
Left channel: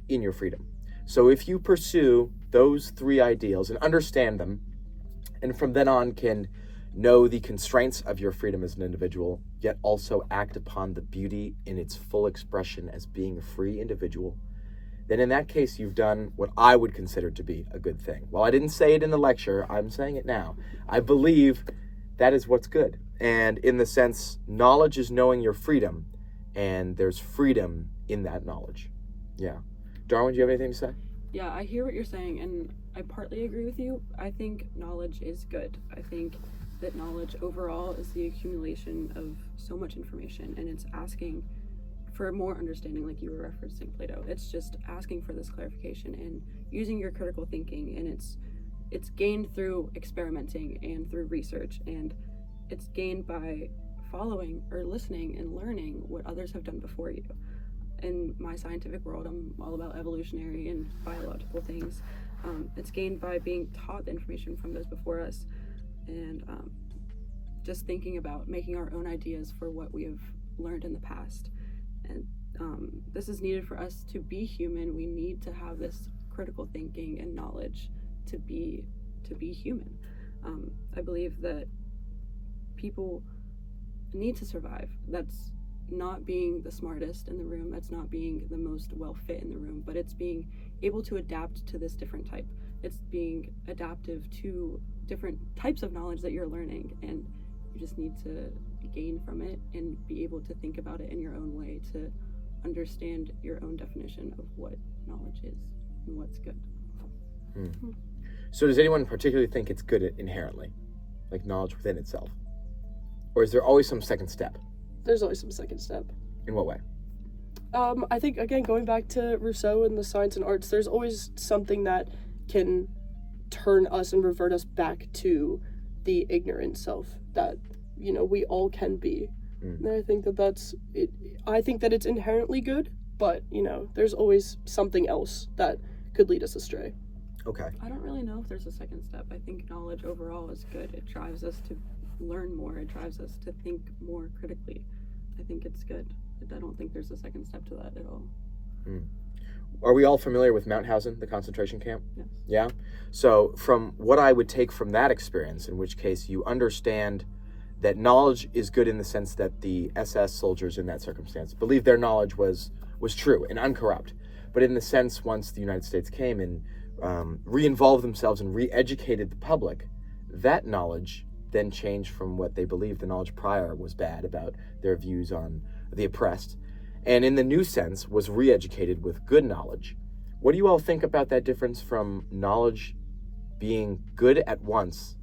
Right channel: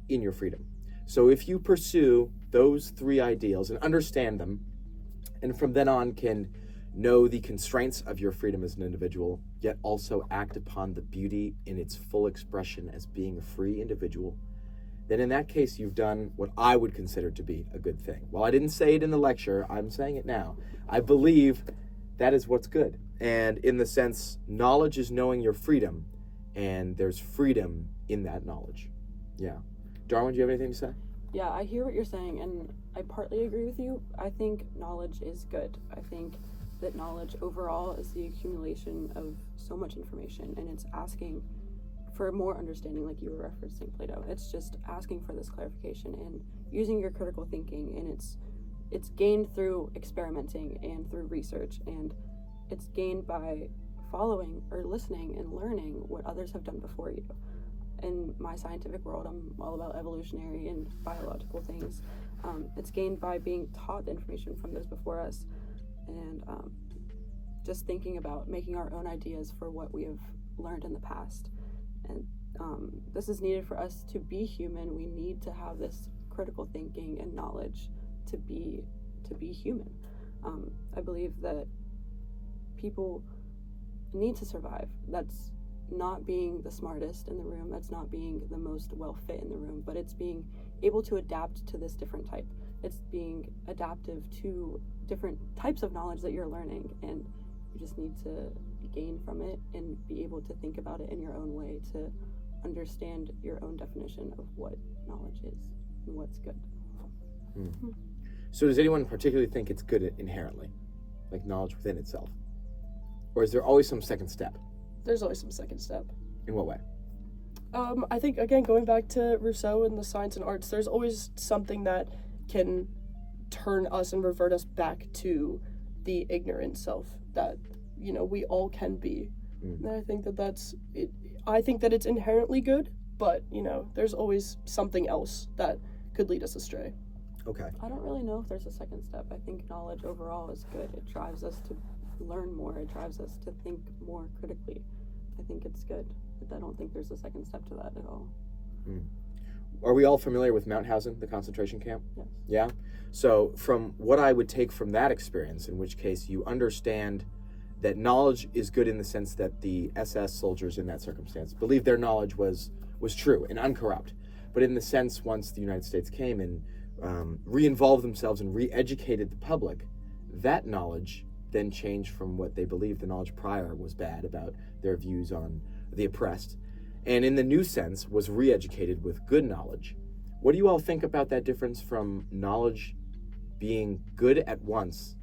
in your freedom. So if you pursue those three ideals and understand them, and from then on can know the constraints of your freedom as an individual, yet also act upon the beauty in its full expression as being a free individual, then in that case you've done what I would consider to be a good thing. While I didn't say it in the lecture, I'm saying it now. I believe that is what's good. And in the sense, knowledge is knowing your freedom, and there's freedom in that knowledge. Yeah. Darwin, do you have anything to say? Yeah, I hear what you're saying, and I partly agree with you. I think knowledge is good. I think that knowledge overall is the accumulation of so much information, and it's asking for more understanding, like you were referencing Plato. It's just asking for this clarification and using your critical thinking, and it's gained through experimenting and through research, and it's gained by following or listening and learning what others have done before you. In my scientific world, I'm all about evolutionary and biological things. It's gained by being taught the information from those before us, and just thinking about making our own ideas for what we have learned in the past. And this is needed for us to be human. We need to have this critical thinking and knowledge to be human. I believe that people need to survive. That's not being the smartest in the room, that's not being the most well fit in the room, but it's being able to adapt to this different type. It's being adaptive to different types of knowledge that you're learning, and you just need to gain from it and be able to think about it in your own way to understand your own definition of what knowledge is and what's good. So does anyone particularly think it's good inherently, like knowledge within itself? Or is there always some second step? There's always some second step. In what way? I think, again, going back to Rousseau and the science and arts, there's always something that can turn us and revert us back to the ignorant self that, we all can be. And I think that that's it. I think that it's inherently good, but, there's always something else that could lead us astray. Okay. I don't really know if there's a second step. I think knowledge overall is good. It drives us to learn more. It drives us to think more critically. I think it's good. I don't think there's a second step to that at all. Are we all familiar with Mauthausen, the concentration camp? Yes. Yeah? So from what I would take from that experience, in which case you understand that knowledge is good in the sense that the SS soldiers in that circumstance believed their knowledge was true and uncorrupt. But in the sense, once the United States came and re-involved themselves and re-educated the public, that knowledge then changed from what they believed the knowledge prior was bad about their views on the oppressed, and in the new sense was re-educated with good knowledge. What do you all think about that difference from knowledge being good at once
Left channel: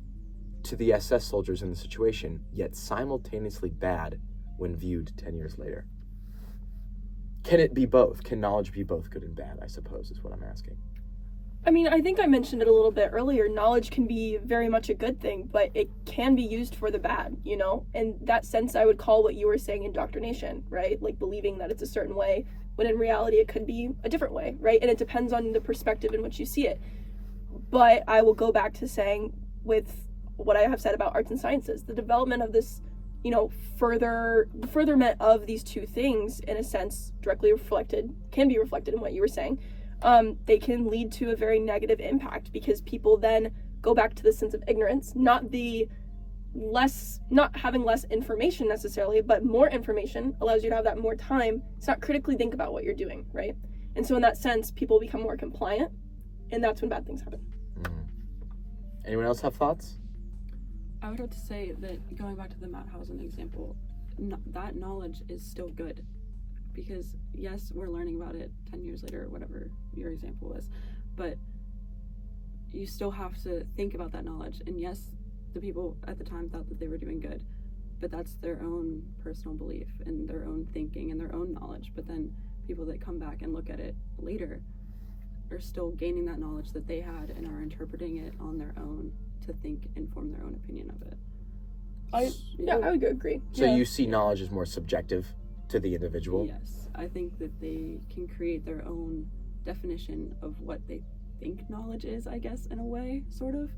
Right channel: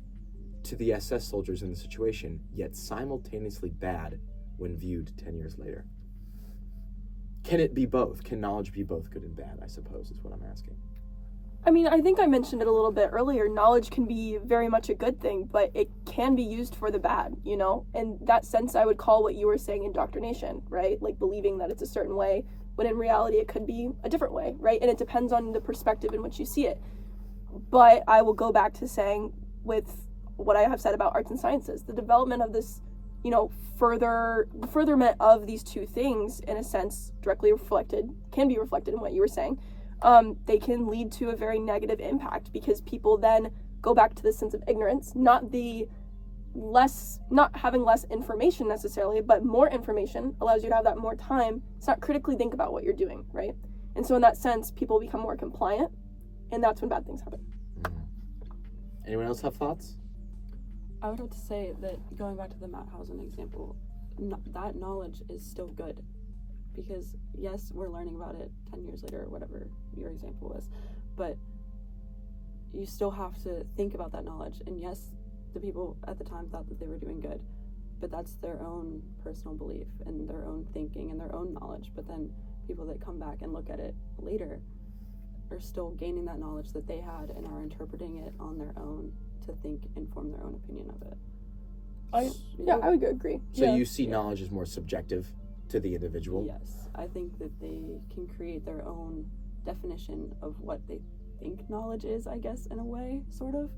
to the SS soldiers in the situation, yet simultaneously bad when viewed 10 years later? Can it be both? Can knowledge be both good and bad, I suppose, is what I'm asking. I mean, I think I mentioned it a little bit earlier. Knowledge can be very much a good thing, but it can be used for the bad, In that sense, I would call what you were saying indoctrination, right? Like believing that it's a certain way, when in reality it could be a different way, right? And it depends on the perspective in which you see it. But I will go back to saying, with what I have said about arts and sciences, the development of this, furtherment of these two things, in a sense, can be reflected in what you were saying. They can lead to a very negative impact, because people then go back to the sense of ignorance, not having less information necessarily, but more information allows you to have that more time to not critically think about what you're doing, right? And so in that sense, people become more compliant, and that's when bad things happen. Anyone else have thoughts? I would have to say that, going back to the Mauthausen example, that knowledge is still good. Because yes, we're learning about it 10 years later, or whatever your example was, but you still have to think about that knowledge. And yes, the people at the time thought that they were doing good, but that's their own personal belief and their own thinking and their own knowledge. But then people that come back and look at it later are still gaining that knowledge that they had and are interpreting it on their own to think and form their own opinion of it. I would agree. So you see knowledge as more subjective to the individual? Yes, I think that they can create their own definition of what they think knowledge is, I guess, in a way, sort of.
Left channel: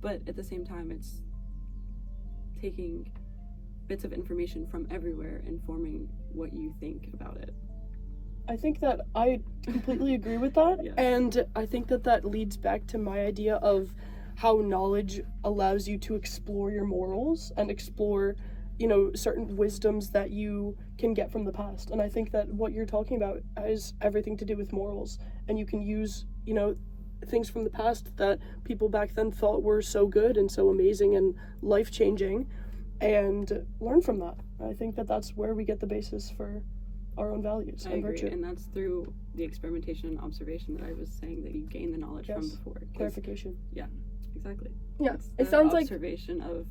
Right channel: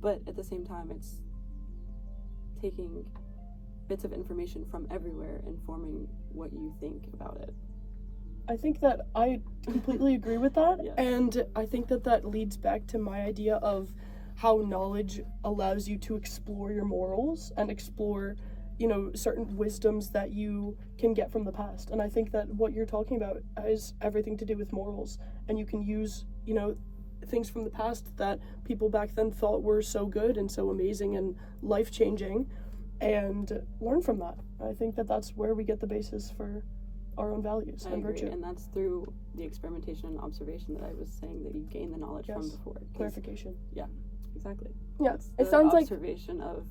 But at the same time, it's taking bits of information from everywhere and forming what you think about it. I think that I completely agree with that. Yeah. And I think that leads back to my idea of how knowledge allows you to explore your morals and explore certain wisdoms that you can get from the past. And I think that what you're talking about has everything to do with morals, and you can use, things from the past that people back then thought were so good and so amazing and life-changing, and learn from that. I think that that's where we get the basis for our own values and virtue. And that's through the experimentation and observation that I was saying that you gain the knowledge from before. Clarification. Yeah, exactly. Yeah, It's it the sounds like observation of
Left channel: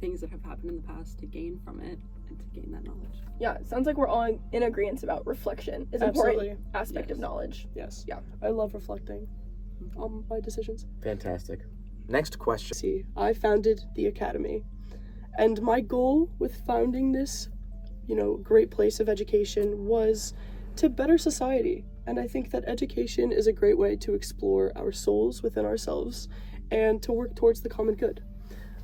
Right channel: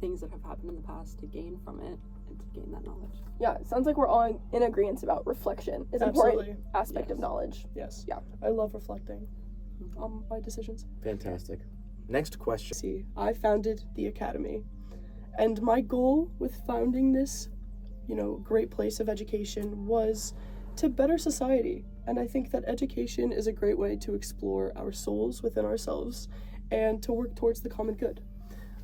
things that have happened in the past to gain from it and to gain that knowledge. Yeah, it sounds like we're all in agreement about reflection is an important aspect of knowledge. Yes. Yeah. I love reflecting on my decisions. Fantastic. Next question. See, I founded the Academy, and my goal with founding this, great place of education was to better society. And I think that education is a great way to explore our souls within ourselves and to work towards the common good.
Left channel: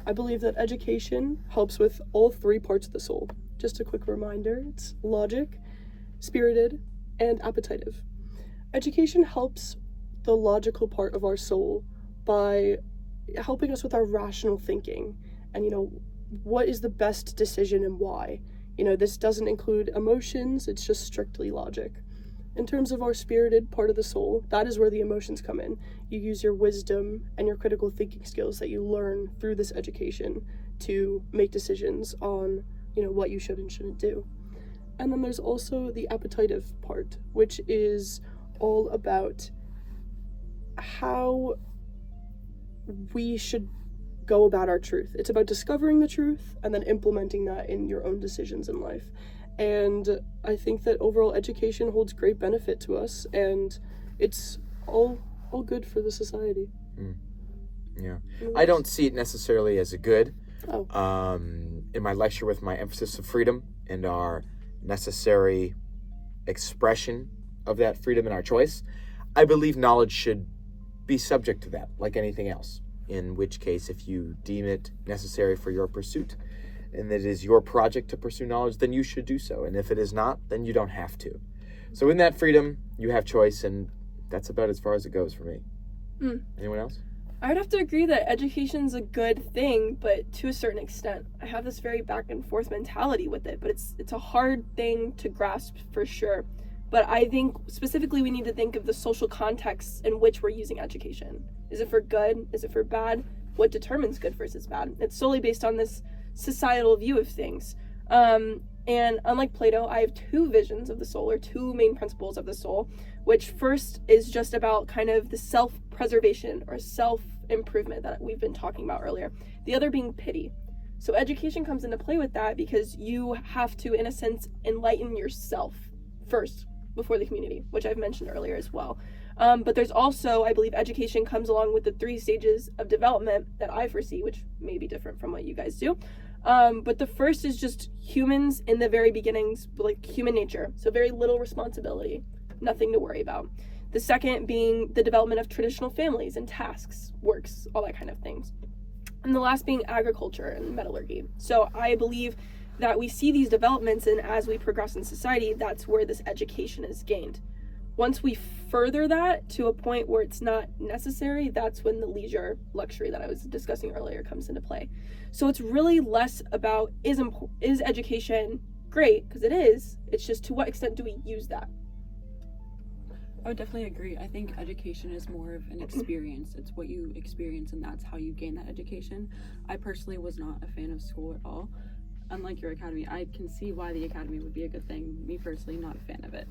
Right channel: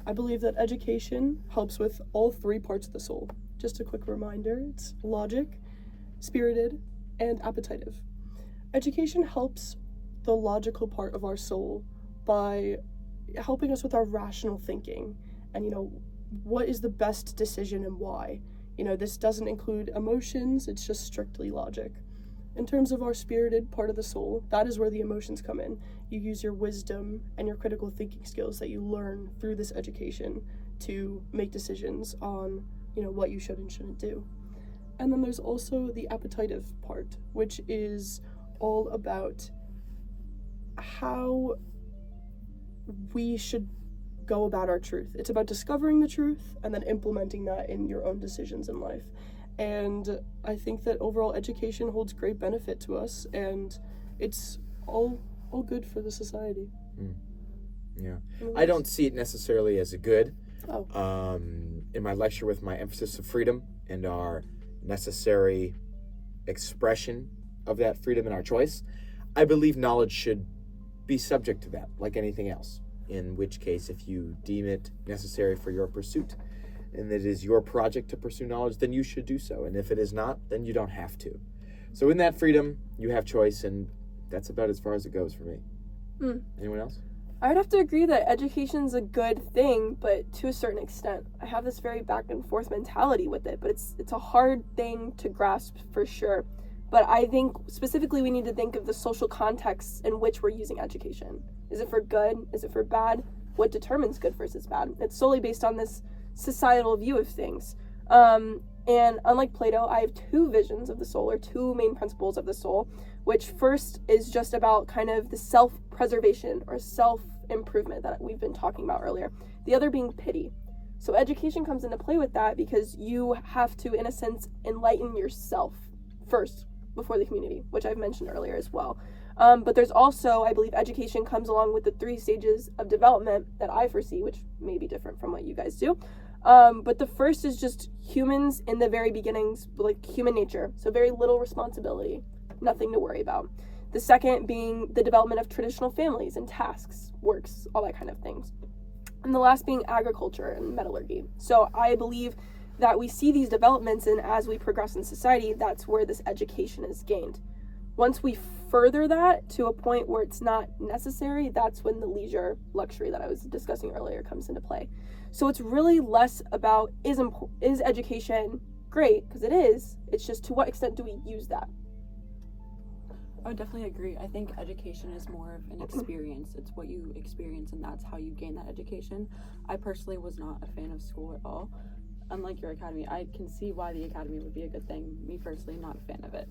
I believe that education helps with all three parts of the soul. Just a quick reminder, it's logic, spirited, and appetitive. Education helps the logical part of our soul by helping us with our rational thinking and, what is the best decision and why. This doesn't include emotions, it's just strictly logic. In terms of our spirited part of the soul, that is where the emotions come in. You use your wisdom and your critical thinking skills that you learn through this education to make decisions on, what you should and shouldn't do. And then there's also the appetitive part, which is all about how we should go about our truth. It's about discovering the truth and then implementing that in your own decisions in life. And I think that overall education holds great benefit to us, and it's all good for the society. Yeah. I don't see it necessarily as a good. Oh. In my lecture with my emphasis of freedom and our necessary expression of that freedom in our choice, I believe knowledge should be subject to that, like anything else. In which case, if you deem it necessary for your pursuit, and it is your project to pursue knowledge, then you should do so. And if it is not, then you don't have to. So in that freedom, you have choice, and that's about as far as it goes for me. Anyone else? I would have to agree that education's a good thing, but to a certain extent. I have this very back and forth mentality with it, but it's a hard thing to grasp for sure. But I think specifically we need to think of the social contexts in which we're using education. Is it for good? Is it for bad? What determines good versus bad? It's solely based on this societal view of things. And unlike Plato, I have two visions of the soul, or two main principles of the soul, which first is just about kind of the self-preservation or self-improvement that we've been talking about earlier. The other being pity. So education comes into play with that because you have to, in a sense, enlighten yourself first before the community, which I've mentioned earlier as well. But there's also, I believe, education comes along with the 3 stages of development that I foresee, which may be different from what you guys do. But the first is just humans in the very beginnings, like human nature. So very little responsibility, nothing to worry about. The second being the development of traditional families and tasks, works, all that kind of things. And the last being agriculture and metallurgy. So I believe that we see these developments, and as we progress in society, that's where this education is gained. Once we further that to a point where it's not necessary, that's when the leisure luxury that I was discussing earlier comes into play. So it's really less about is education great, because it is. It's just to what extent do we use that? I would definitely agree. I think education is more of an experience. It's what you experience, and that's how you gain that education. I personally was not a fan of school at all. Unlike your academy, I can see why the academy would be a good thing. Me personally, not a fan of it.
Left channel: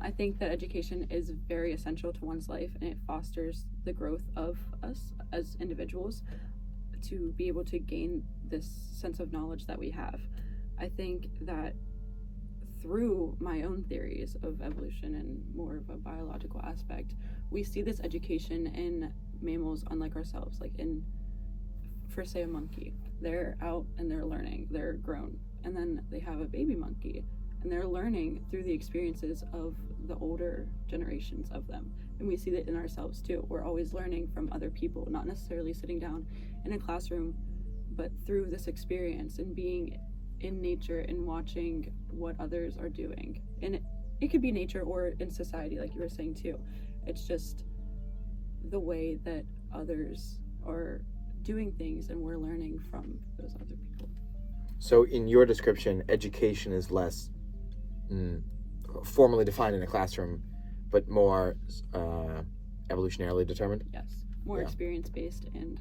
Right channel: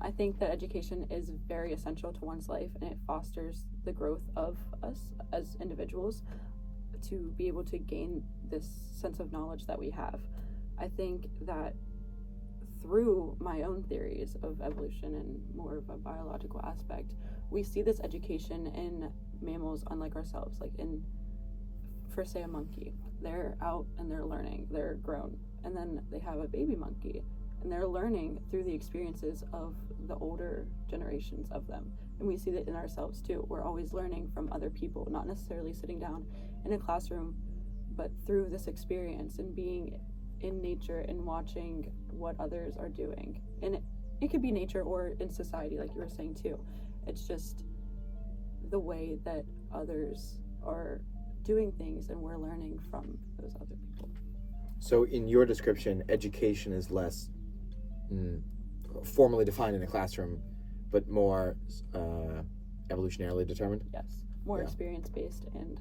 I think that education is very essential to one's life, and it fosters the growth of us as individuals to be able to gain this sense of knowledge that we have. I think that through my own theories of evolution and more of a biological aspect, we see this education in mammals unlike ourselves, like for say a monkey. They're out and they're learning, they're grown, and then they have a baby monkey, and they're learning through the experiences of the older generations of them. And we see that in ourselves too. We're always learning from other people, not necessarily sitting down in a classroom, but through this experience and being in nature and watching what others are doing. And it could be nature or in society, like you were saying too. It's just the way that others are doing things, and we're learning from those other people. So in your description, education is less formally defined in a classroom, but more evolutionarily determined? Yes. More Yeah. experience-based and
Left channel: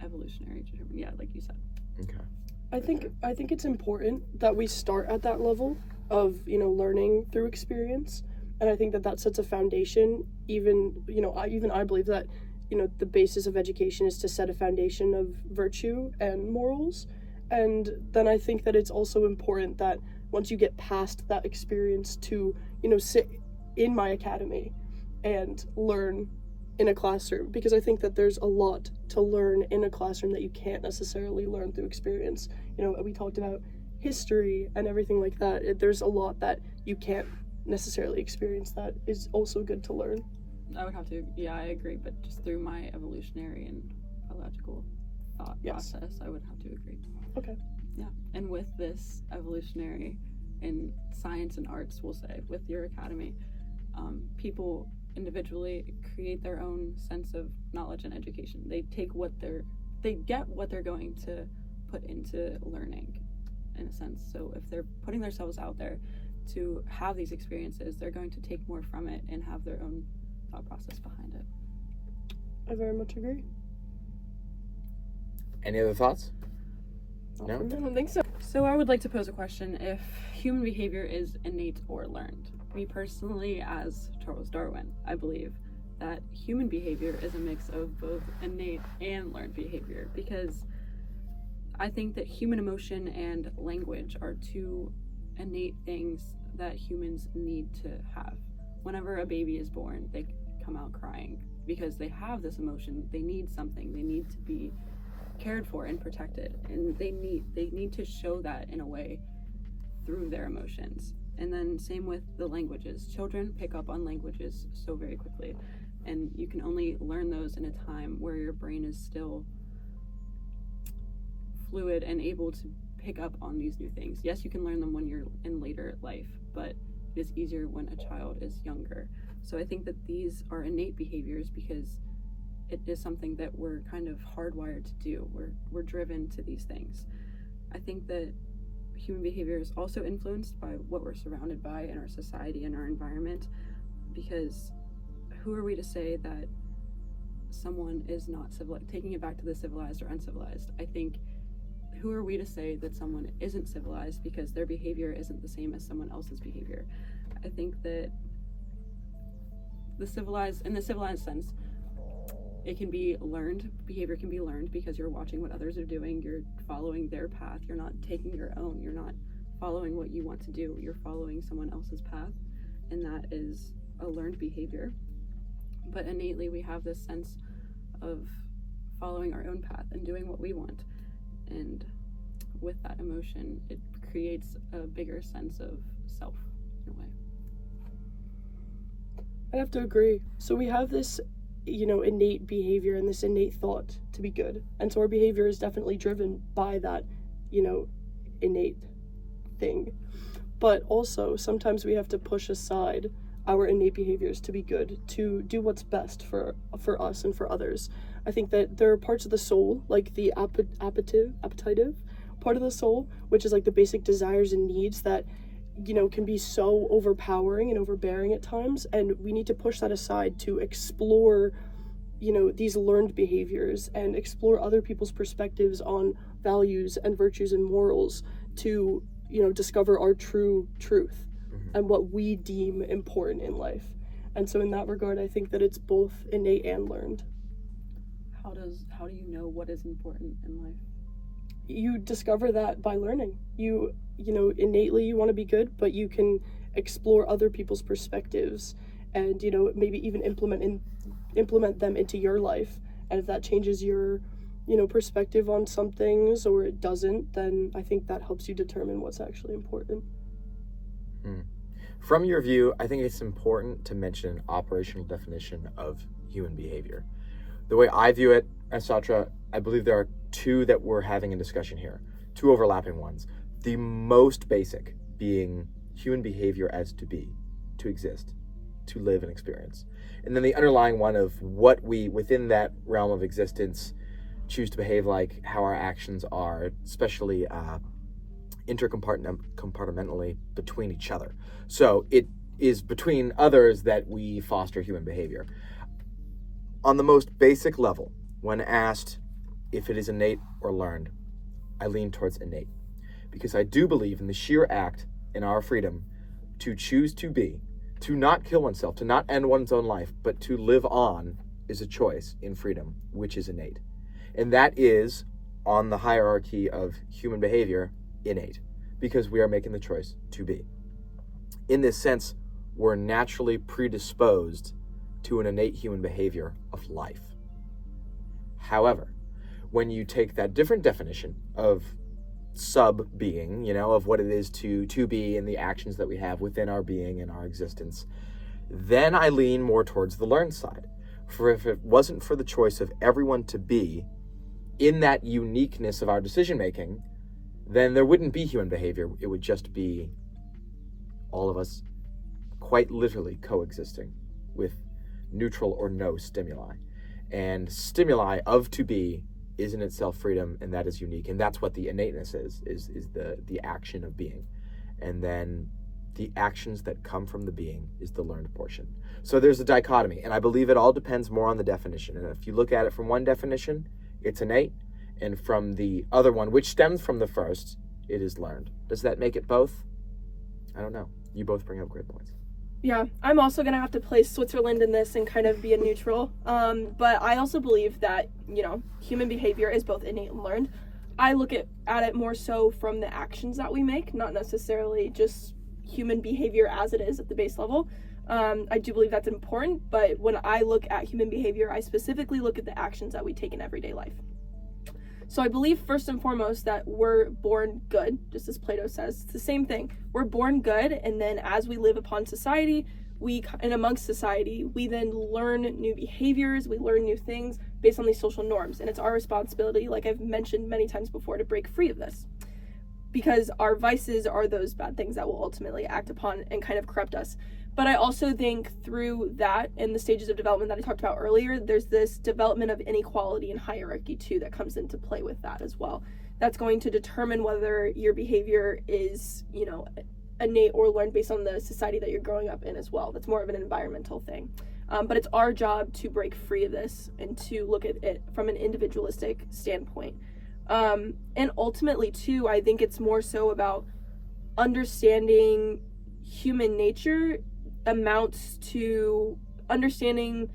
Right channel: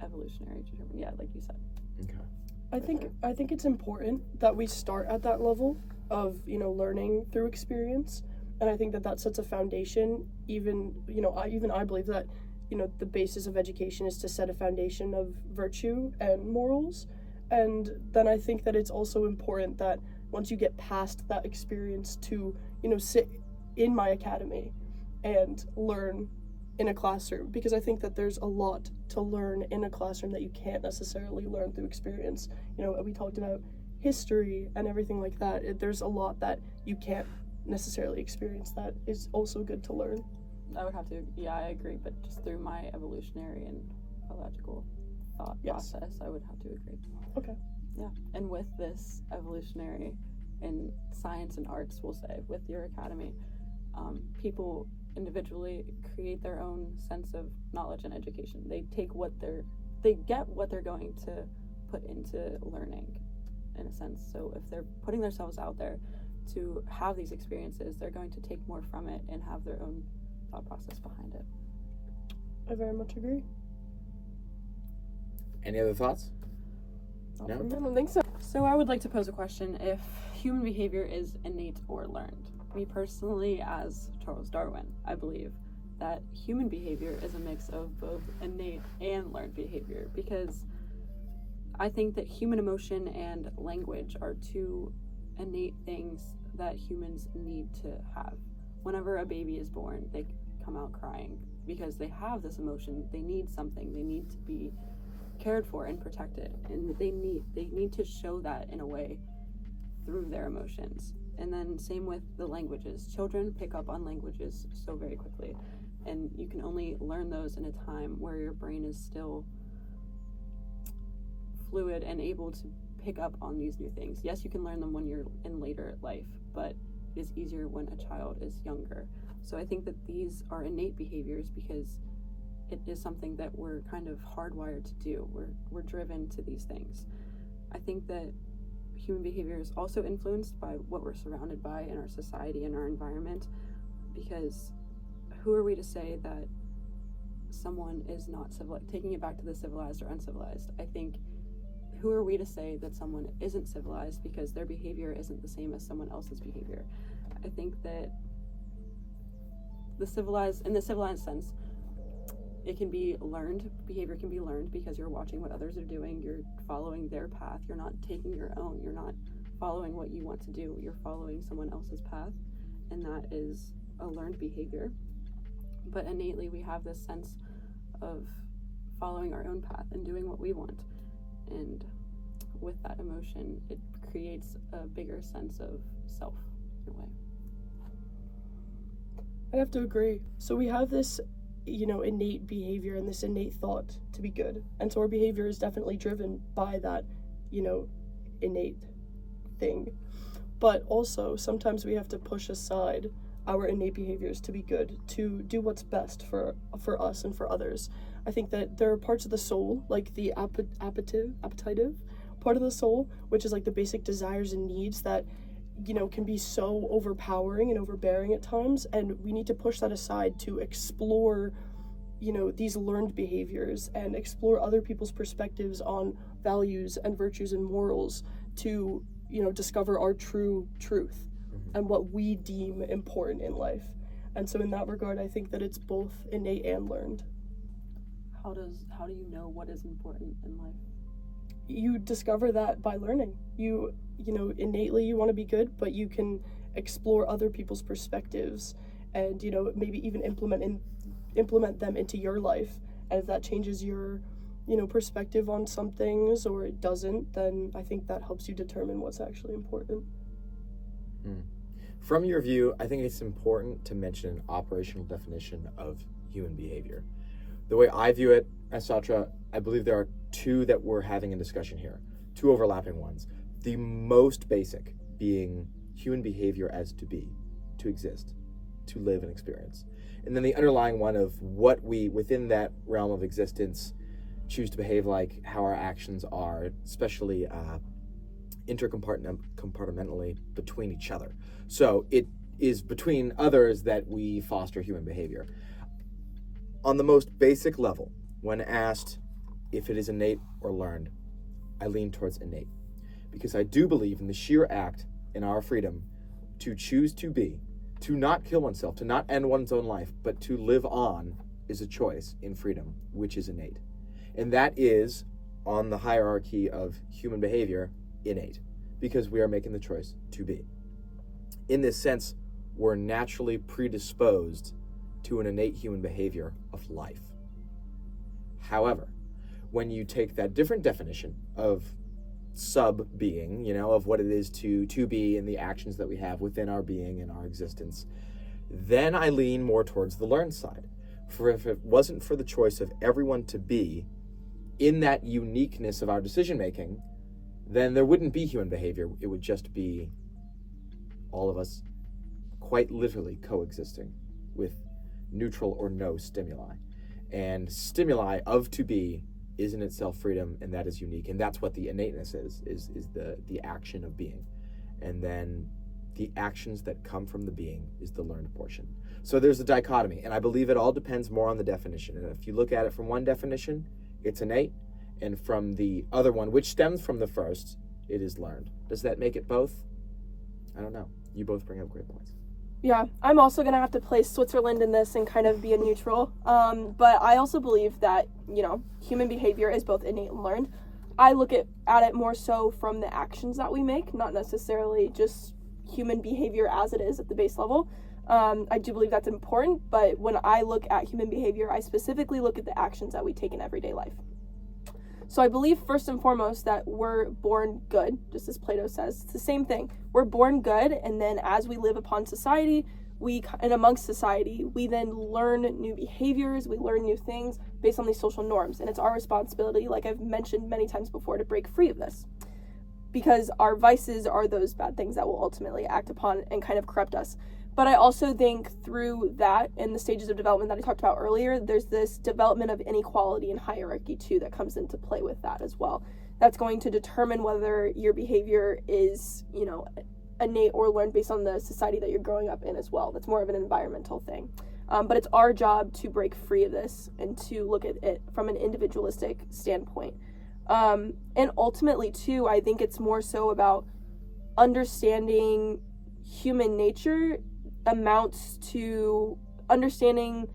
evolutionary determined. Yeah, like you said. Okay. I think it's important that we start at that level of, learning through experience. And I think that sets a foundation. Even I believe that, the basis of education is to set a foundation of virtue and morals. And then I think that it's also important that once you get past that experience to, sit in my academy and learn in a classroom, because I think that there's a lot to learn in a classroom that you can't necessarily learn through experience. We talked about history and everything like that. There's a lot that you can't necessarily experience that is also good to learn. I would have to, I agree, but just through my evolutionary and biological thought Yes. process, I would have to agree. Okay. Yeah, and with this evolutionary in science and arts, we'll say, with your academy, people individually create their own sense of knowledge and education. They get what they're going to put into learning, in a sense. So if they're putting themselves out there to have these experiences, they're going to take more from it and have their own thought process behind it. I very much agree. Any other thoughts? Not No? for me. I don't think so. So I would like to pose a question: if human behavior is innate or learned? Me personally, as Charles Darwin, I believe that human behavior is a mix of both innate and learned behavior, because I think that human emotion and language are two innate things that humans need to have. Whenever a baby is born, they come out crying because they have this emotion. They need something. They need to be cared for and protected, and they need to show that in a way through their emotions. And then same with the languages. Children pick up on languages so very quickly, and you can only learn those in a time where your brain is still fluid and able to pick up on these new things. Yes, you can learn them when you're in later life, but it is easier when a child is younger. So I think that these are innate behaviors because it is something that we're kind of hardwired to do. We're driven to these things. I think that human behavior is also influenced by what we're surrounded by in our society and our environment, because who are we to say that someone is not civilized? Taking it back to the civilized or uncivilized, I think, who are we to say that someone isn't civilized because their behavior isn't the same as someone else's behavior? I think that in the civilized sense, it can be learned. Behavior can be learned because you're watching what others are doing. You're following their path. You're not taking your own. You're not following what you want to do. You're following someone else's path, and that is a learned behavior. But innately, we have this sense of following our own path and doing what we want. And with that emotion, it creates a bigger sense of self in a way. I have to agree. So we have this, innate behavior and this innate thought to be good. And so our behavior is definitely driven by that, innate thing. But also, sometimes we have to push aside our innate behaviors to be good, to do what's best for us and for others. I think that there are parts of the soul, like the appetitive part of the soul, which is like the basic desires and needs that, can be so overpowering and overbearing at times. And we need to push that aside to explore, these learned behaviors and explore other people's perspectives on values and virtues and morals to, discover our true truth and what we deem important in life. And so in that regard, I think that it's both innate and learned. How do you know what is important in life? You discover that by learning. Innately you want to be good, but you can explore other people's perspectives and, maybe even implement them into your life. And if that changes your, perspective on some things or it doesn't, then I think that helps you determine what's actually important. From your view, I think it's important to mention an operational definition of human behavior. The way I view it, as Satra, I believe there are two that we're having a discussion here, two overlapping ones. The most basic being human behavior as to be, to exist, to live and experience. And then the underlying one of what we, within that realm of existence, choose to behave like, how our actions are, especially intercompartmentally between each other. So it is between others that we foster human behavior. On the most basic level, when asked if it is innate or learned, I lean towards innate, because I do believe in the sheer act in our freedom to choose to be, to not kill oneself, to not end one's own life, but to live on is a choice in freedom, which is innate. And that is, on the hierarchy of human behavior, innate, because we are making the choice to be. In this sense, we're naturally predisposed to an innate human behavior of life. However, when you take that different definition of sub-being, of what it is to be and the actions that we have within our being and our existence, then I lean more towards the learned side. For if it wasn't for the choice of everyone to be in that uniqueness of our decision-making, then there wouldn't be human behavior. It would just be all of us quite literally coexisting with neutral or no stimuli. And stimuli of to be is in itself freedom, and that is unique. And that's what the innateness is the action of being. And then the actions that come from the being is the learned portion. So there's a dichotomy, and I believe it all depends more on the definition. And if you look at it from one definition, it's innate, and from the other one, which stems from the first, it is learned. Does that make it both? I don't know. You both bring up great points. Yeah, I'm also going to have to place Switzerland in this and kind of be a neutral. But I also believe that, human behavior is both innate and learned. I look at it more so from the actions that we make, not necessarily just human behavior as it is at the base level. I do believe that's important, but when I look at human behavior, I specifically look at the actions that we take in everyday life. So I believe first and foremost that we're born good, just as Plato says. It's the same thing. We're born good, and then as we live upon society, and amongst society, we then learn new behaviors, we learn new things based on these social norms. And it's our responsibility, like I've mentioned many times before, to break free of this. Because our vices are those bad things that will ultimately act upon and kind of corrupt us. But I also think through that, in the stages of development that I talked about earlier, there's this development of inequality and hierarchy too that comes into play with that as well. That's going to determine whether your behavior is, innate or learned based on the society that you're growing up in as well. That's more of an environmental thing. But it's our job to break free of this and to look at it from an individualistic standpoint. And ultimately too, I think it's more so about understanding human nature amounts to understanding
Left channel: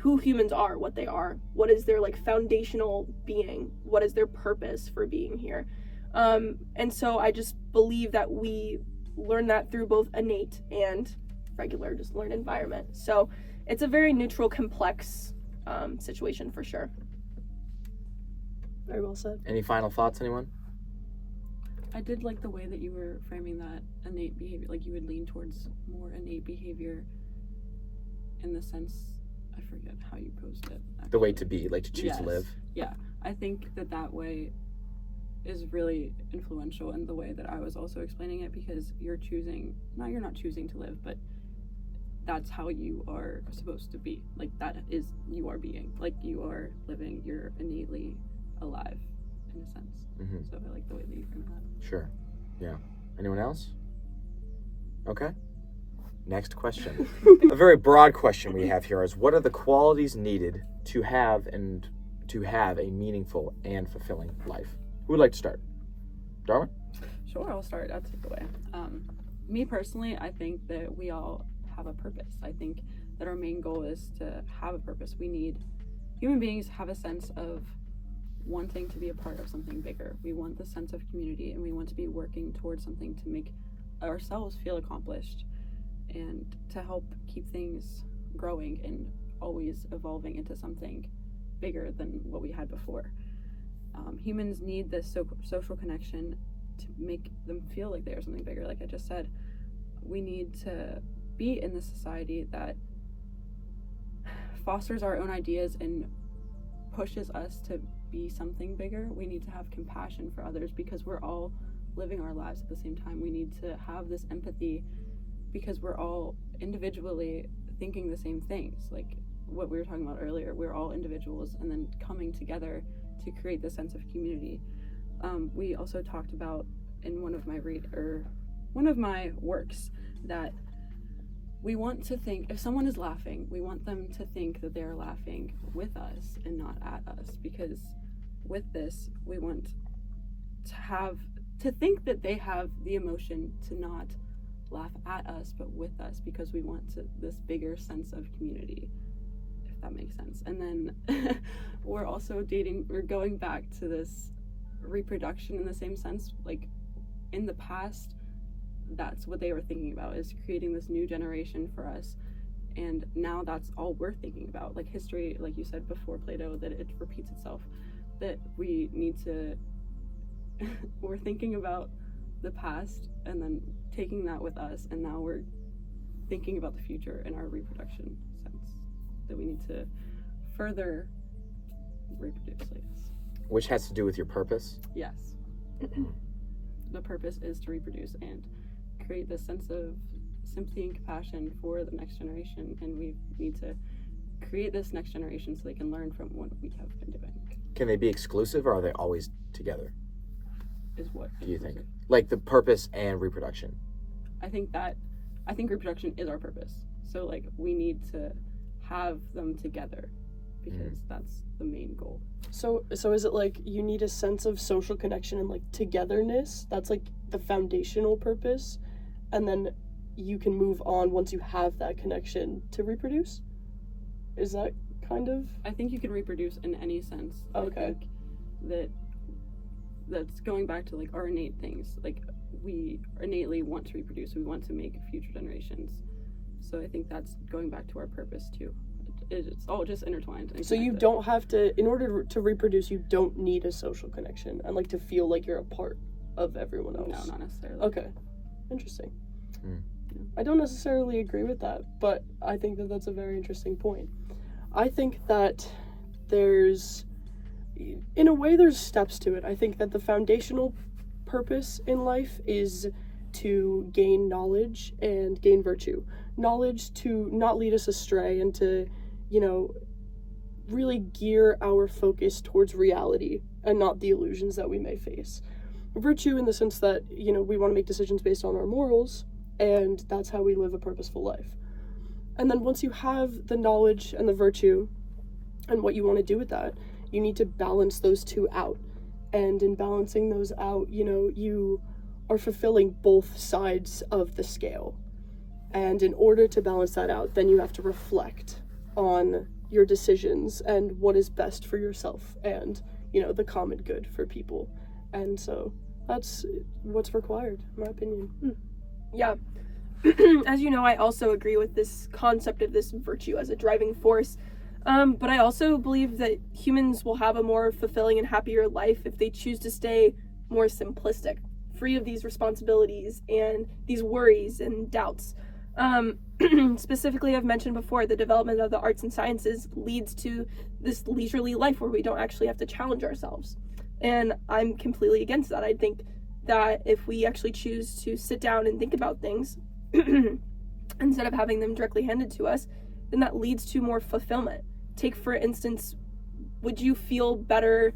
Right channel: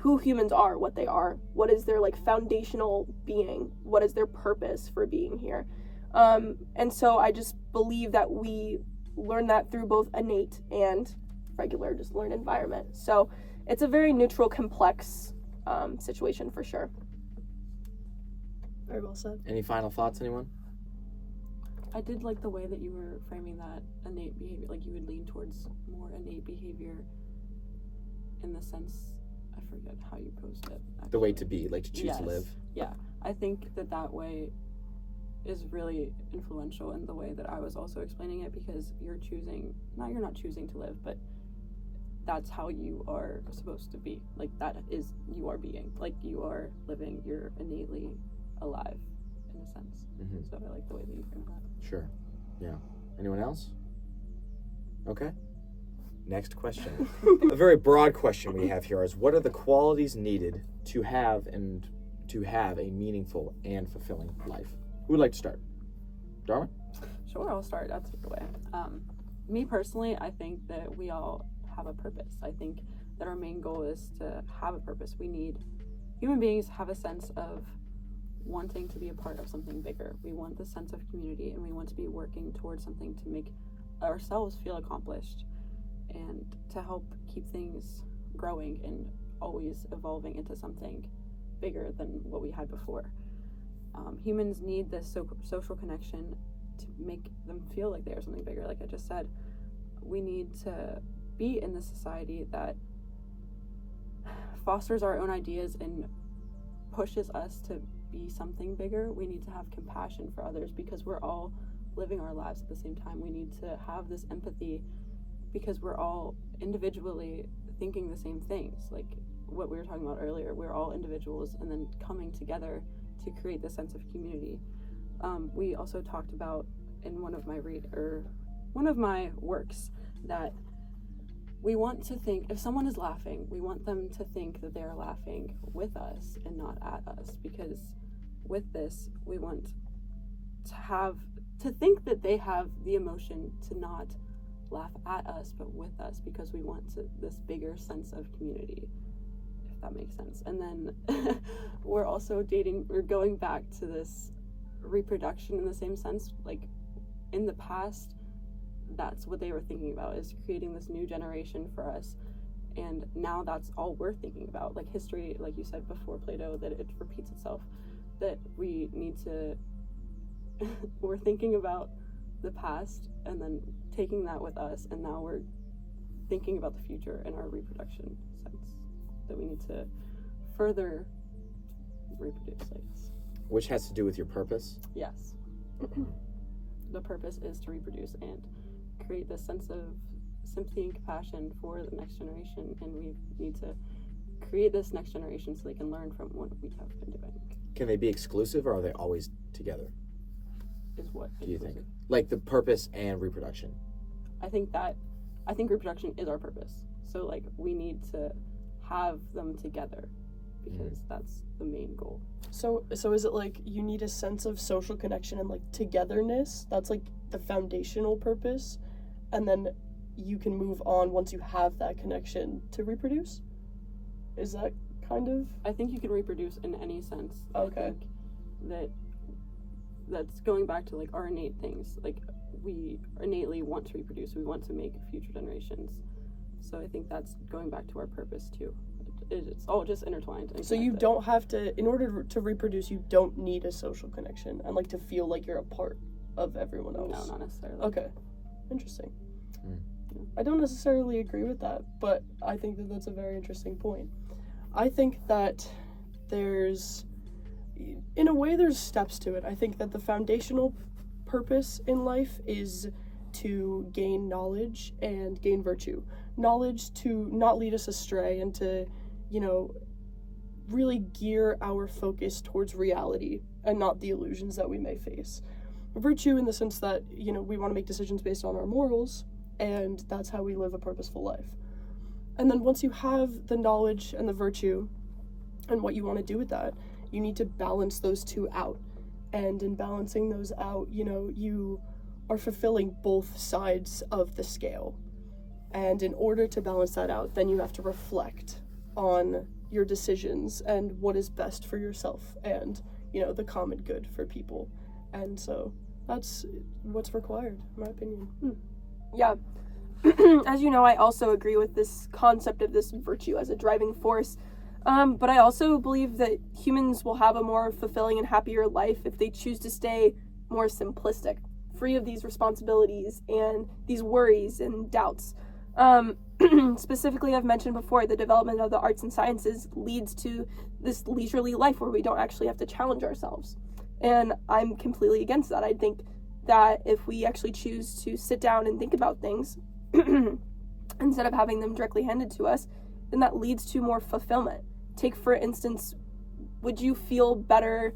who humans are, what they are, what is their foundational being, what is their purpose for being here. And so I just believe that we learn that through both innate and regular, just learned environment. So it's a very neutral, complex situation for sure. Very well said. Any final thoughts, anyone? I did like the way that you were framing that innate behavior, you would lean towards more innate behavior in the sense, I forget how you posed it. Actually. The way to be, to choose to live. Yeah, I think that way is really influential in the way that I was also explaining it, because you're not choosing to live, but that's how you are supposed to be. That is, you are being. You are living, you're innately alive in a sense. Mm-hmm. So I like the way that you framed that. Sure. Yeah. Anyone else? Okay. Next question. A very broad question we have here is, what are the qualities needed to have a meaningful and fulfilling life? Who would like to start? Darwin? Sure, I'll start. I'll take it away. Me personally, I think that we all have a purpose. I think that our main goal is to have a purpose. Human beings have a sense of wanting to be a part of something bigger. We want the sense of community, and we want to be working towards something to make ourselves feel accomplished and to help keep things growing and always evolving into something bigger than what we had before. Humans need this social connection to make them feel like they are something bigger. Like I just said, we need to be in this society that fosters our own ideas and pushes us to be something bigger. We need to have compassion for others because we're all living our lives at the same time. We need to have this empathy because we're all individually thinking the same things. Like what we were talking about earlier, we're all individuals and then coming together to create this sense of community. we also talked about in one of my works that we want to think, if someone is laughing, we want them to think that they're laughing with us and not at us, because with this, we want to think that they have the emotion to not laugh at us, but with us, because we want this bigger sense of community, if that makes sense. And then we're also going back to this reproduction in the same sense. Like, in the past, that's what they were thinking about, is creating this new generation for us, and now that's all we're thinking about. Like, history, like you said before, Plato, that it repeats itself, that we need to we're thinking about the past and then taking that with us, and now we're thinking about the future in our reproduction sense, that we need to further reproduce, I guess. Which has to do with your purpose? Yes. The purpose is to reproduce and create this sense of sympathy and compassion for the next generation, and we need to create this next generation so they can learn from what we have been doing. Can they be exclusive, or are they always together? Is what Do you think? Like the purpose and reproduction? I think reproduction is our purpose. So, like, we need to have them together, because that's the main goal. So is it like you need a sense of social connection and like togetherness? That's like the foundational purpose, and then you can move on once you have that connection to reproduce? Is that kind of? I think you can reproduce in any sense. Okay. I think that's going back to like our innate things. Like, we innately want to reproduce. We want to make future generations. So I think that's going back to our purpose too. It's all just intertwined. So you don't have to, in order to reproduce, you don't need a social connection and like to feel like you're a part of everyone else. No, not necessarily. Okay, interesting. Mm. I don't necessarily agree with that, but I think that that's a very interesting point. I think that there's steps to it. I think that the foundational purpose in life is to gain knowledge and gain virtue. Knowledge to not lead us astray and to, really gear our focus towards reality and not the illusions that we may face. Virtue in the sense that, we want to make decisions based on our morals, and that's how we live a purposeful life. And then once you have the knowledge and the virtue and what you want to do with that, you need to balance those two out. And in balancing those out, you are fulfilling both sides of the scale. And in order to balance that out, then you have to reflect on your decisions and what is best for yourself and, the common good for people. And so that's what's required, in my opinion. Yeah. As you know, I also agree with this concept of this virtue as a driving force. But I also believe that humans will have a more fulfilling and happier life if they choose to stay more simplistic, free of these responsibilities and these worries and doubts. Specifically, I've mentioned before, the development of the arts and sciences leads to this leisurely life where we don't actually have to challenge ourselves. And I'm completely against that. I think that if we actually choose to sit down and think about things instead of having them directly handed to us, then that leads to more fulfillment. Take, for instance, would you feel better,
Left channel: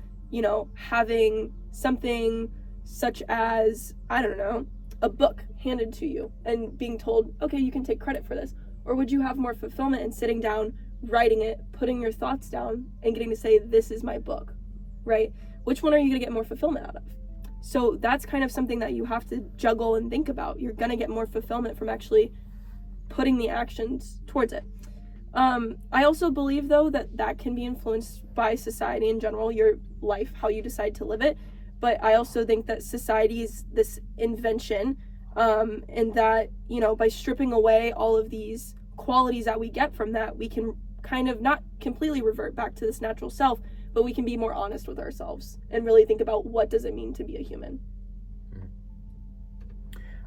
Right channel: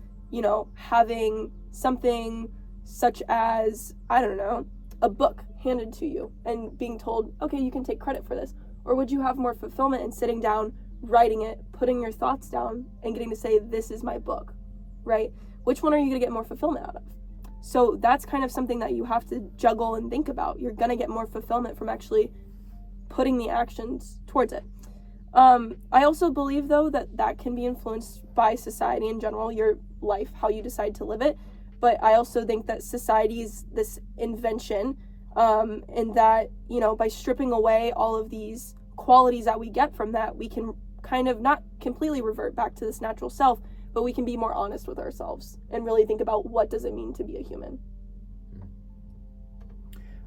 having something such as, I don't know, a book handed to you and being told, okay, you can take credit for this? Or would you have more fulfillment in sitting down, writing it, putting your thoughts down, and getting to say, this is my book, right? Which one are you going to get more fulfillment out of? So that's kind of something that you have to juggle and think about. You're going to get more fulfillment from actually putting the actions towards it. I also believe, though, that can be influenced by society in general, your life, how you decide to live it. But I also think that society is this invention, and that, by stripping away all of these qualities that we get from that, we can kind of not completely revert back to this natural self, but we can be more honest with ourselves and really think about what does it mean to be a human.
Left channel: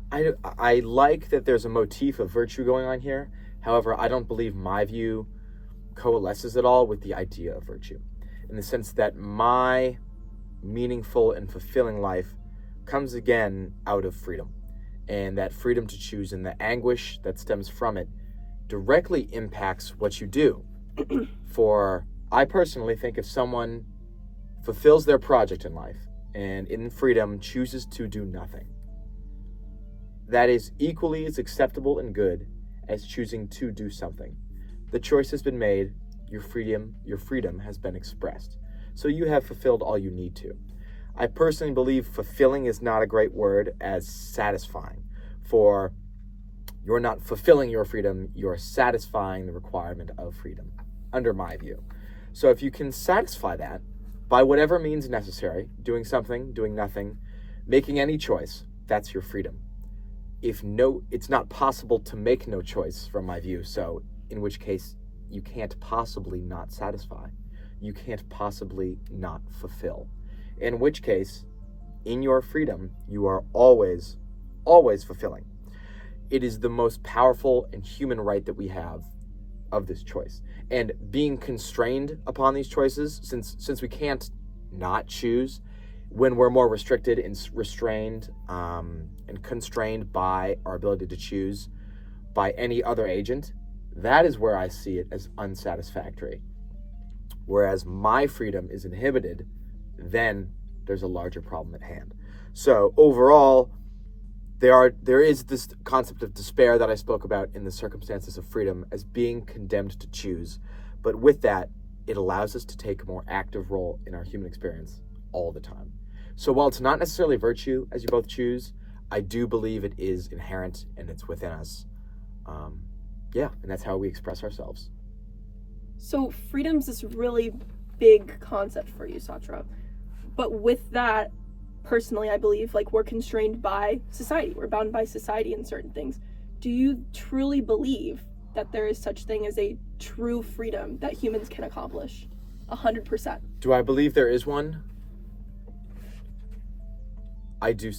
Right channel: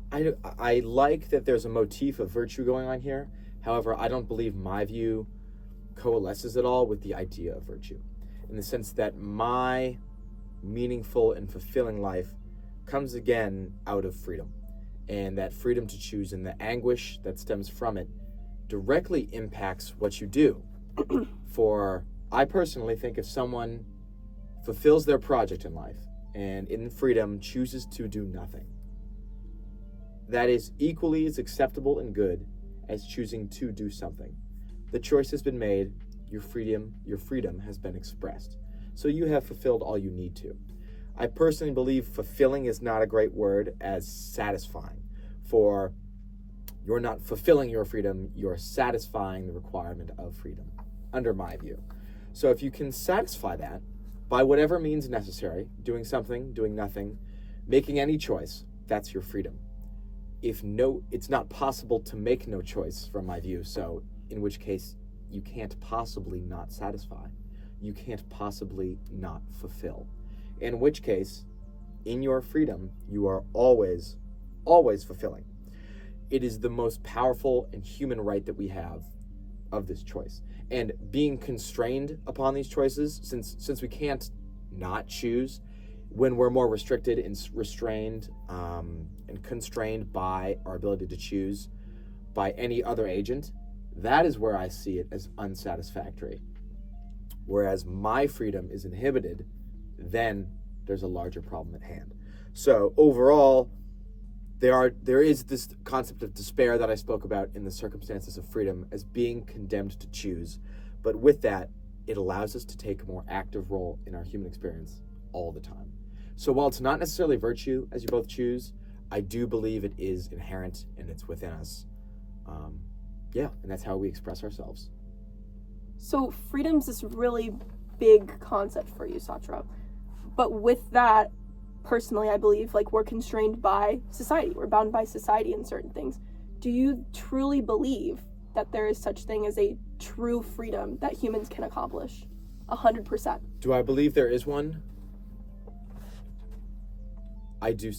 I like that there's a motif of virtue going on here. However, I don't believe my view coalesces at all with the idea of virtue, in the sense that my meaningful and fulfilling life comes again out of freedom, and that freedom to choose and the anguish that stems from it directly impacts what you do. For I personally think if someone fulfills their project in life and in freedom chooses to do nothing. That is equally as acceptable and good as choosing to do something. The choice has been made, your freedom has been expressed. So you have fulfilled all you need to. I personally believe fulfilling is not a great word as satisfying. For you're not fulfilling your freedom, you're satisfying the requirement of freedom, under my view. So if you can satisfy that by whatever means necessary, doing something, doing nothing, making any choice, that's your freedom. It's not possible to make no choice from my view, so in which case you can't possibly not satisfy. You can't possibly not fulfill. In which case, in your freedom, you are always, always fulfilling. It is the most powerful and human right that we have of this choice. And being constrained upon these choices, since we can't not choose, when we're more restricted and restrained and constrained by our ability to choose by any other agent, that is where I see it as unsatisfactory. Whereas my freedom is inhibited, then there's a larger problem at hand. So overall, there is this concept of despair that I spoke about in the circumstances of freedom as being condemned to choose. But with that, it allows us to take a more active role in our human experience all the time. So while it's not necessarily virtue, as you both choose, I do believe it is inherent and it's within us. And that's how we express ourselves. So freedom's this really big concept for you, Satra. But with that, personally, I believe, like, we're constrained by society. We're bound by society in certain things. Do you truly believe that there is such thing as a true freedom that humans can accomplish? 100%. Do I believe there is one? I do.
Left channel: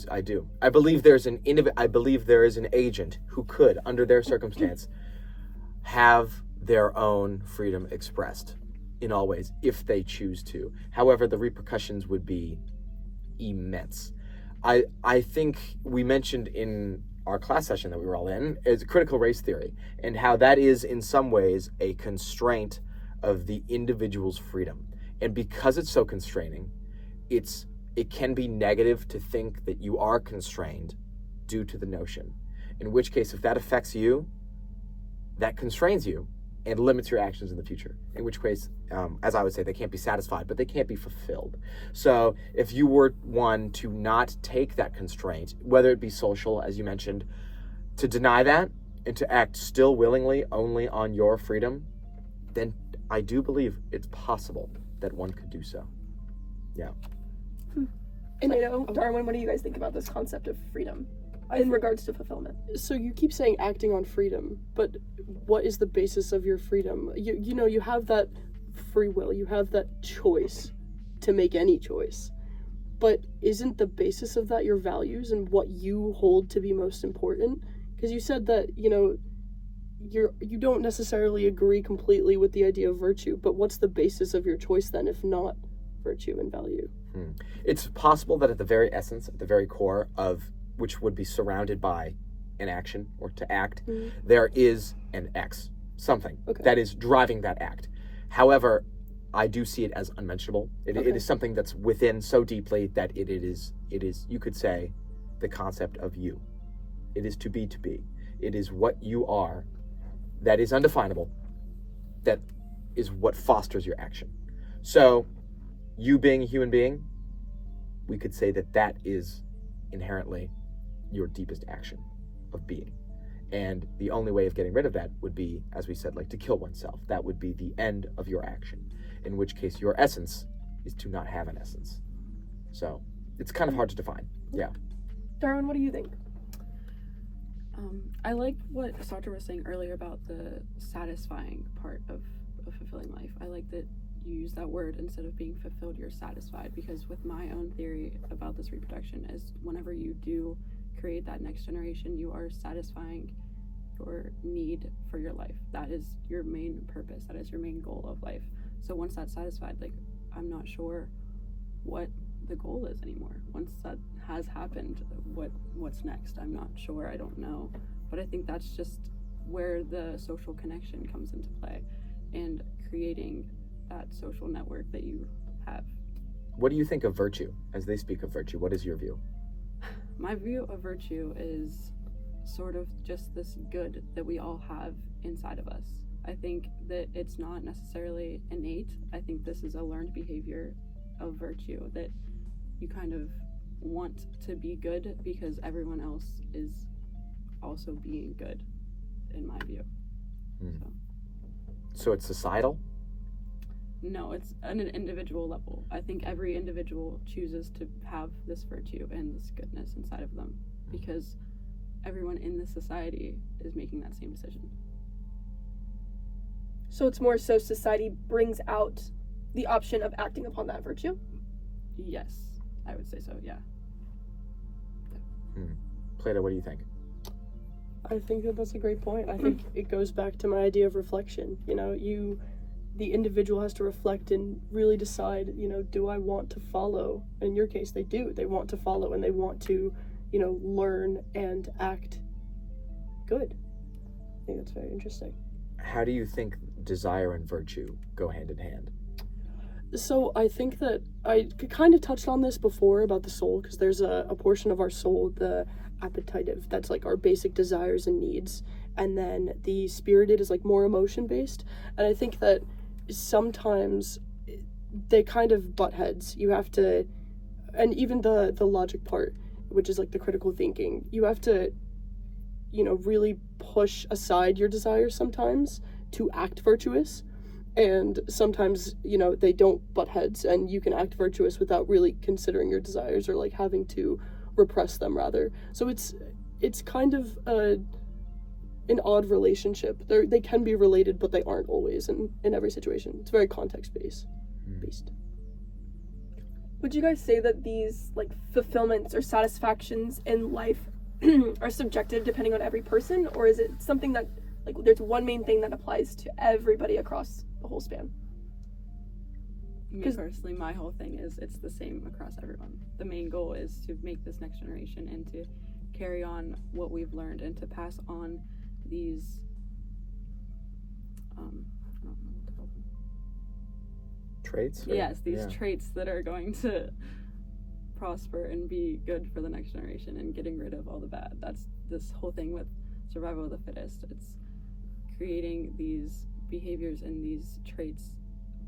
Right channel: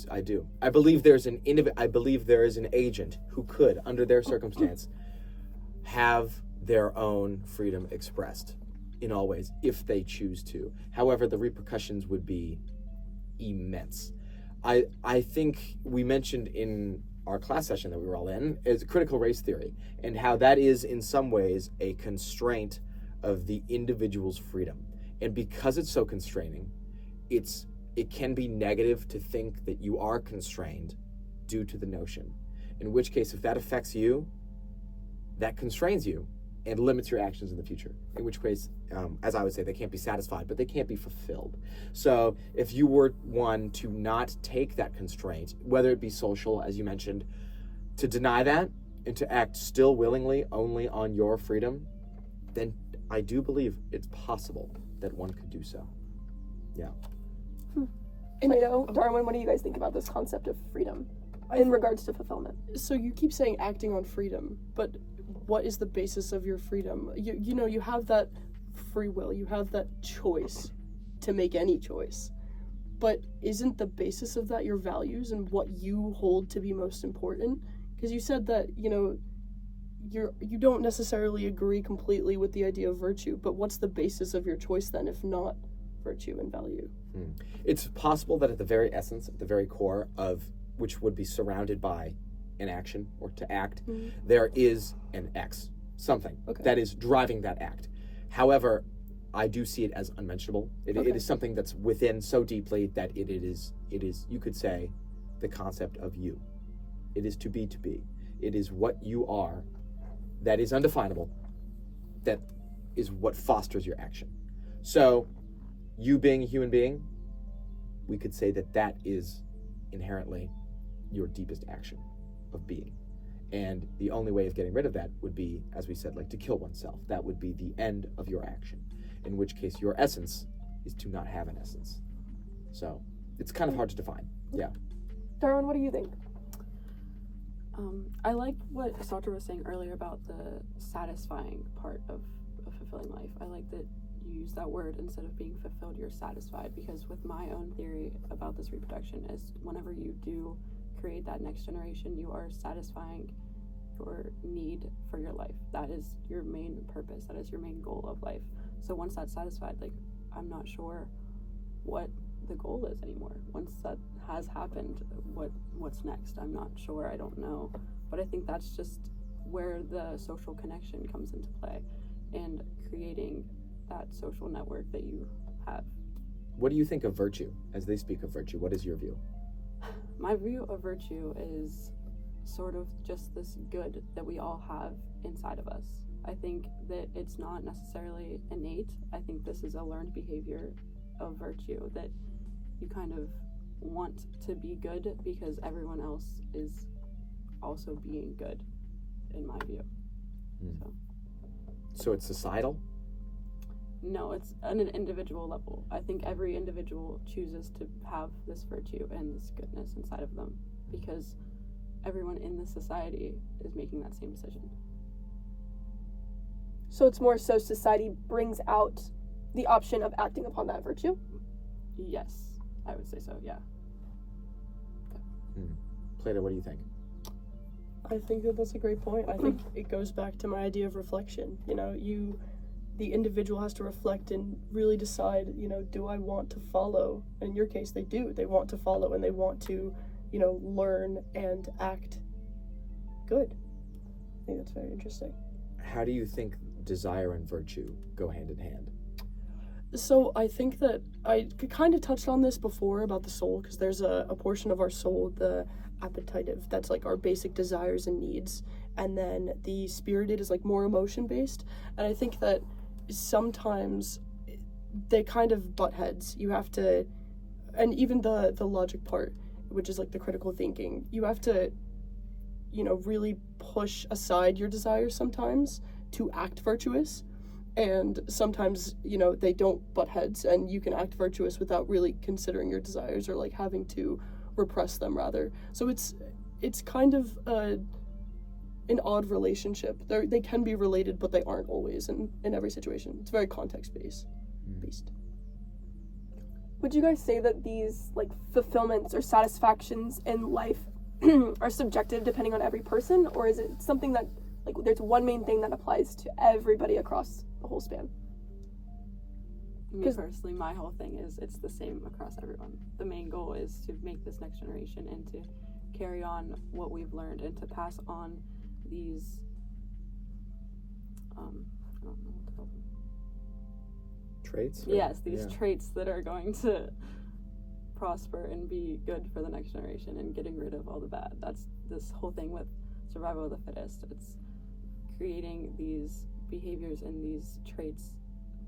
I believe there is an agent who could, under their circumstance, have their own freedom expressed in all ways, if they choose to. However, the repercussions would be immense. I think we mentioned in our class session that we were all in is critical race theory, and how that is in some ways a constraint of the individual's freedom. And because it's so constraining, it can be negative to think that you are constrained due to the notion. In which case, if that affects you, that constrains you and limits your actions in the future. In which case, as I would say, they can't be satisfied, but they can't be fulfilled. So if you were one to not take that constraint, whether it be social, as you mentioned, to deny that and to act still willingly only on your freedom, then I do believe it's possible that one could do so. Yeah. And Darwin, what do you guys think about this concept of freedom in regards to fulfillment? So you keep saying acting on freedom, but what is the basis of your freedom? You have that free will, you have that choice to make any choice. But isn't the basis of that your values and what you hold to be most important? Because you said that, you don't necessarily agree completely with the idea of virtue, but what's the basis of your choice then, if not virtue and value? It's possible that at the very essence, at the very core of which would be surrounded by an action or to act, there is an X, something that is driving that act. However, I do see it as unmentionable. It is something that's within so deeply that it is, you could say, the concept of you. It is to be. It is what you are that is undefinable, that is what fosters your action. So, you being a human being, we could say that is inherently your deepest action of being. And the only way of getting rid of that would be, as we said, like to kill oneself. That would be the end of your action, in which case your essence is to not have an essence. So it's kind of hard to define. Yeah. Darwin, what do you think? I like what Satra was saying earlier about the satisfying part of fulfilling life. I like that you use that word instead of being fulfilled, you're satisfied, because with my own theory about this reproduction is whenever you do create that next generation, you are satisfying your need for your life. That is your main purpose. That is your main goal of life. So once that's satisfied, like, I'm not sure what the goal is anymore. Once that has happened, what's next? I'm not sure. I don't know. But I think that's just where the social connection comes into play and creating that social network that you have. what do you think of virtue as they speak of virtue? What is your view? My view of virtue is sort of just this good that we all have inside of us. I think that it's not necessarily innate. I think this is a learned behavior of virtue, that you kind of want to be good because everyone else is also being good, in my view. So it's societal? No, it's on an individual level. I think every individual chooses to have this virtue and this goodness inside of them because everyone in this society is making that same decision. So it's more so society brings out the option of acting upon that virtue? Yes, I would say so, yeah. Plato, what do you think? I think that that's a great point. I think it goes back to my idea of reflection. You know, the individual has to reflect and really decide, you know, do I want to follow? In your case, they do. They want to follow and they want to, you know, learn and act good. I think that's very interesting. How do you think desire and virtue go hand in hand? So I think that I kind of touched on this before about the soul, because there's a portion of our soul, the appetitive, that's like our basic desires and needs, and then the spirited is like more emotion based. And I think that sometimes they kind of butt heads. You have to, and even the logic part, which is like the critical thinking, you have to, you know, really push aside your desires sometimes to act virtuous. And sometimes, you know, they don't butt heads and you can act virtuous without really considering your desires or like having to repress them rather. So it's kind of an odd relationship. They can be related, but they aren't always in every situation. It's very context based. Would you guys say that these like fulfillments or satisfactions in life are subjective depending on every person, or is it something that like there's one main thing that applies to everybody across the whole span? Me personally, my whole thing is it's the same across everyone. The main goal is to make this next generation and to carry on what we've learned and to pass on these I don't know what to call them. Traits? Yes, these traits that are going to prosper and be good for the next generation and getting rid of all the bad. That's this whole thing with survival of the fittest. It's creating these behaviors and these traits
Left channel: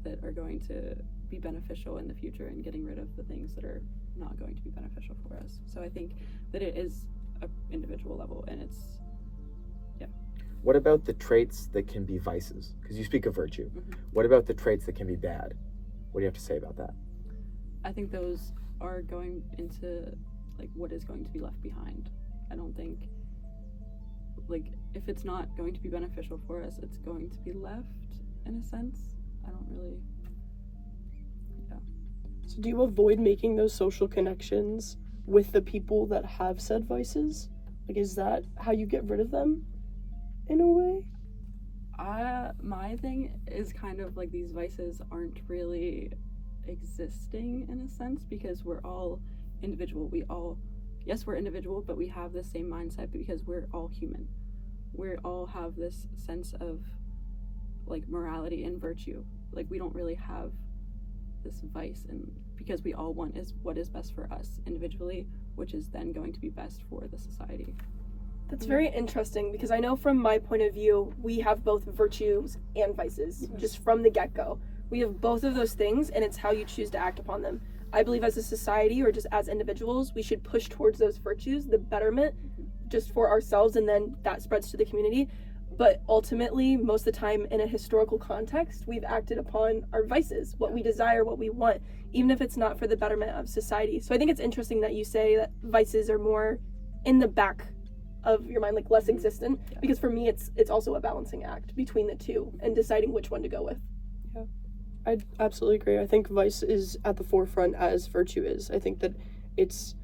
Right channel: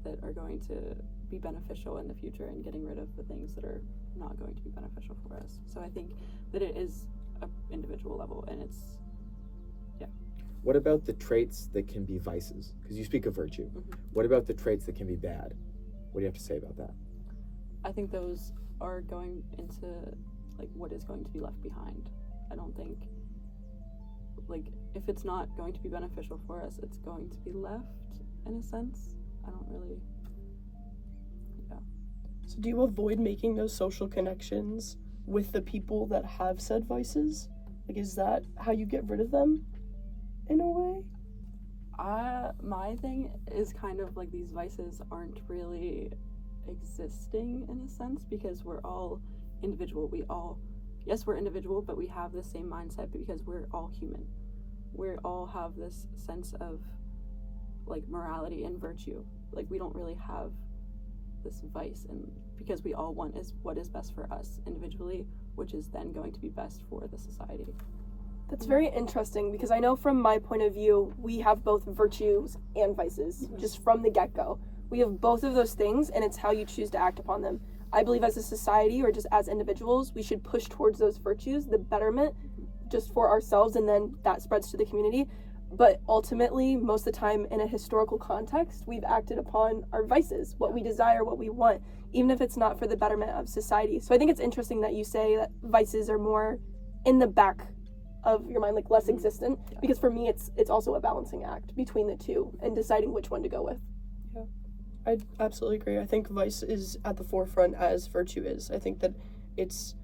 that are going to be beneficial in the future and getting rid of the things that are not going to be beneficial for us. So I think that it is an individual level, and it's What about the traits that can be vices? Because you speak of virtue. What about the traits that can be bad? What do you have to say about that? I think those are going into like what is going to be left behind. I don't think like if it's not going to be beneficial for us, it's going to be left in a sense. I don't really So do you avoid making those social connections with the people that have said vices? Like, is that how you get rid of them in a way? My thing is kind of like these vices aren't really existing in a sense because we're all individual. We're individual, but we have the same mindset because we're all human. We all have this sense of like morality and virtue. Like we don't really have this vice, and because we all want is what is best for us individually, which is then going to be best for the society. That's very interesting because I know from my point of view, we have both virtues and vices just from the get-go. We have both of those things, and it's how you choose to act upon them. I believe as a society or just as individuals, we should push towards those virtues, the betterment, just for ourselves, and then that spreads to the community. But ultimately, most of the time in a historical context, we've acted upon our vices, what we desire, what we want, even if it's not for the betterment of society. So I think it's interesting that you say that vices are more in the back of your mind, like less existent, because for me it's also a balancing act between the two and deciding which one to go with. Yeah, I absolutely agree. I think vice is at the forefront as virtue is. I think that it's,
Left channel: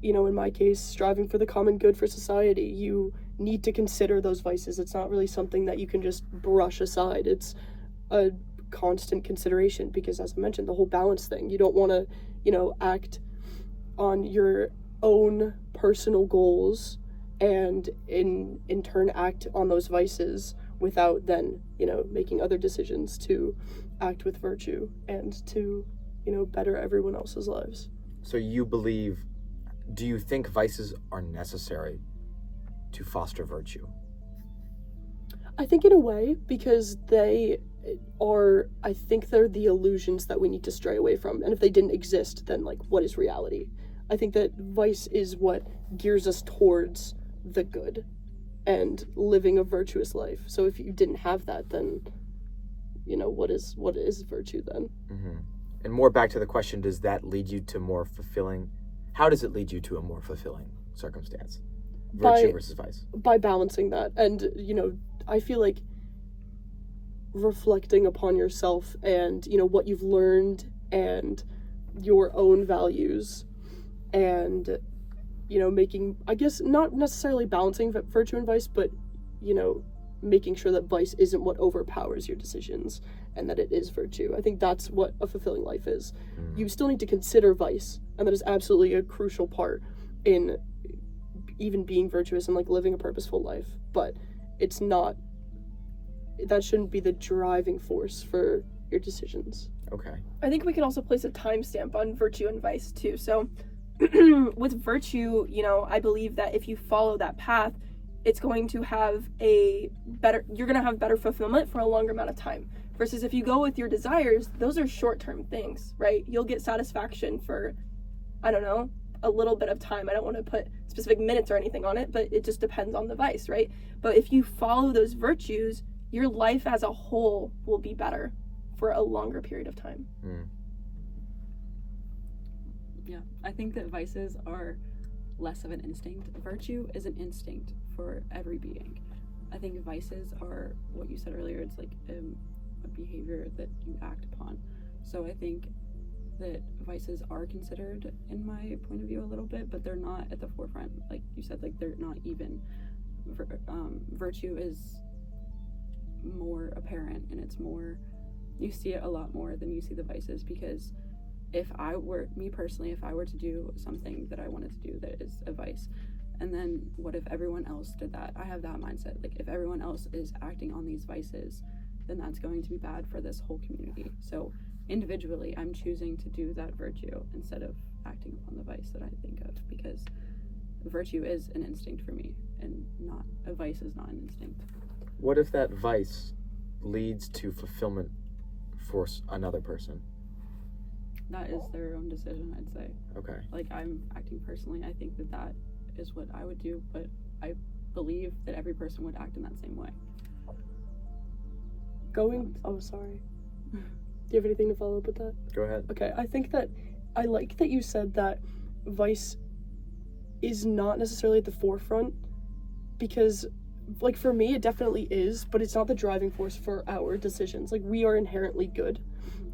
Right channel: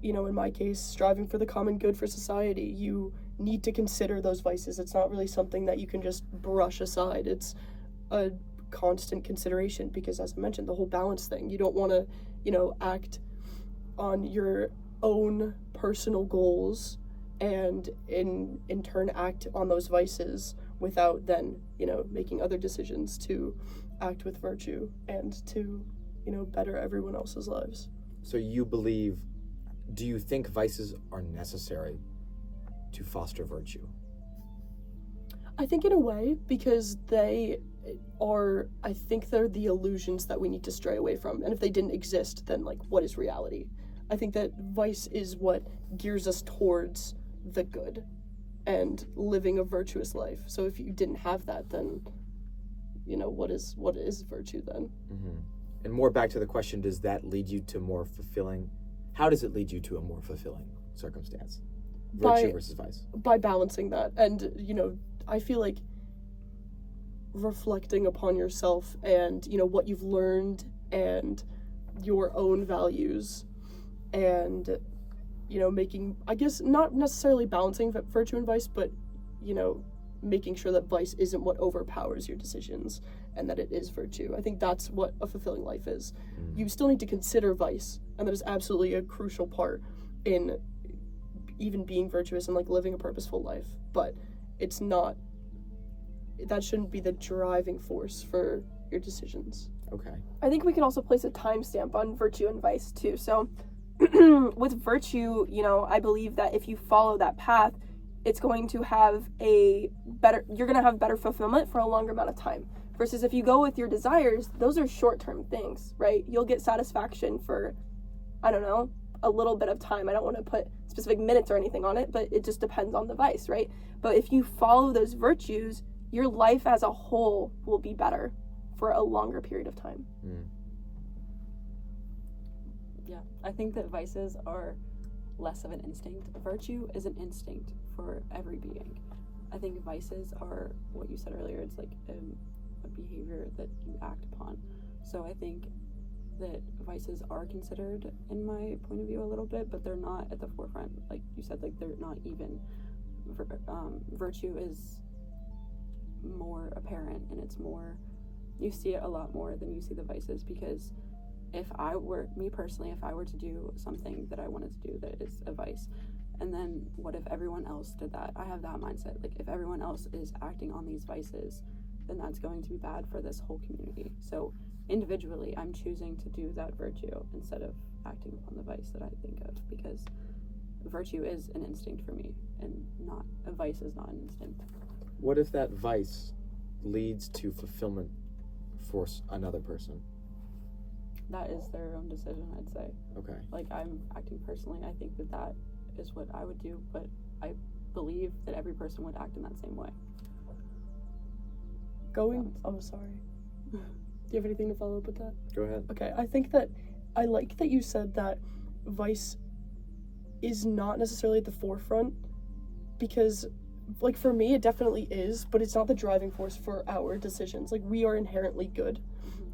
you know, in my case, striving for the common good for society. You need to consider those vices. It's not really something that you can just brush aside. It's a constant consideration because, as I mentioned, the whole balance thing. You don't want to, you know, act on your own personal goals and in turn act on those vices without then, you know, making other decisions to act with virtue and to better everyone else's lives. So do you think vices are necessary to foster virtue? I think in a way, because I think they're the illusions that we need to stray away from. And if they didn't exist, then what is reality? I think that vice is what gears us towards the good and living a virtuous life. So if you didn't have that, then, what is virtue then? Mm-hmm. And more back to the question, does that lead you to more fulfilling? How does it lead you to a more fulfilling circumstance? Virtue versus vice. By balancing that. And, I feel like reflecting upon yourself and, what you've learned and your own values and, making, I guess, not necessarily balancing virtue and vice, but, making sure that vice isn't what overpowers your decisions and that it is virtue. I think that's what a fulfilling life is. You still need to consider vice, and that is absolutely a crucial part in even being virtuous and living a purposeful life, but that shouldn't be the driving force for your decisions. Okay. I think we can also place a timestamp on virtue and vice too. So with virtue, I believe that if you follow that path, it's going to have you're going to have better fulfillment for a longer amount of time. Versus if you go with your desires, those are short-term things, right? You'll get satisfaction for, I don't know, a little bit of time. I don't want to put specific minutes or anything on it, but it just depends on the vice, right? But if you follow those virtues, your life as a whole will be better for a longer period of time. Yeah, I think that vices are less of an instinct. Virtue is an instinct for every being. I think vices are what you said earlier. It's like a behavior that you act upon. So I think that vices are considered, in my point of view, a little bit, but they're not at the forefront. Like you said, they're not even. Virtue is more apparent, and it's more, you see it a lot more than you see the vices, because if I were to do something that I wanted to do that is a vice, and then what if everyone else did that? I have that mindset. If everyone else is acting on these vices, then that's going to be bad for this whole community. So individually, I'm choosing to do that virtue instead of acting upon the vice that I think of, because virtue is an instinct for me, and not a vice is not an instinct. What if that vice leads to fulfillment for another person? That is their own decision, I'd say. Okay. I'm acting personally, I think that is what I would do, but I believe that every person would act in that same way. Sorry. Do you have anything to follow up with that? Go ahead. Okay, I think that I like that you said that vice is not necessarily at the forefront, because for me it definitely is, but it's not the driving force for our decisions. We are inherently good,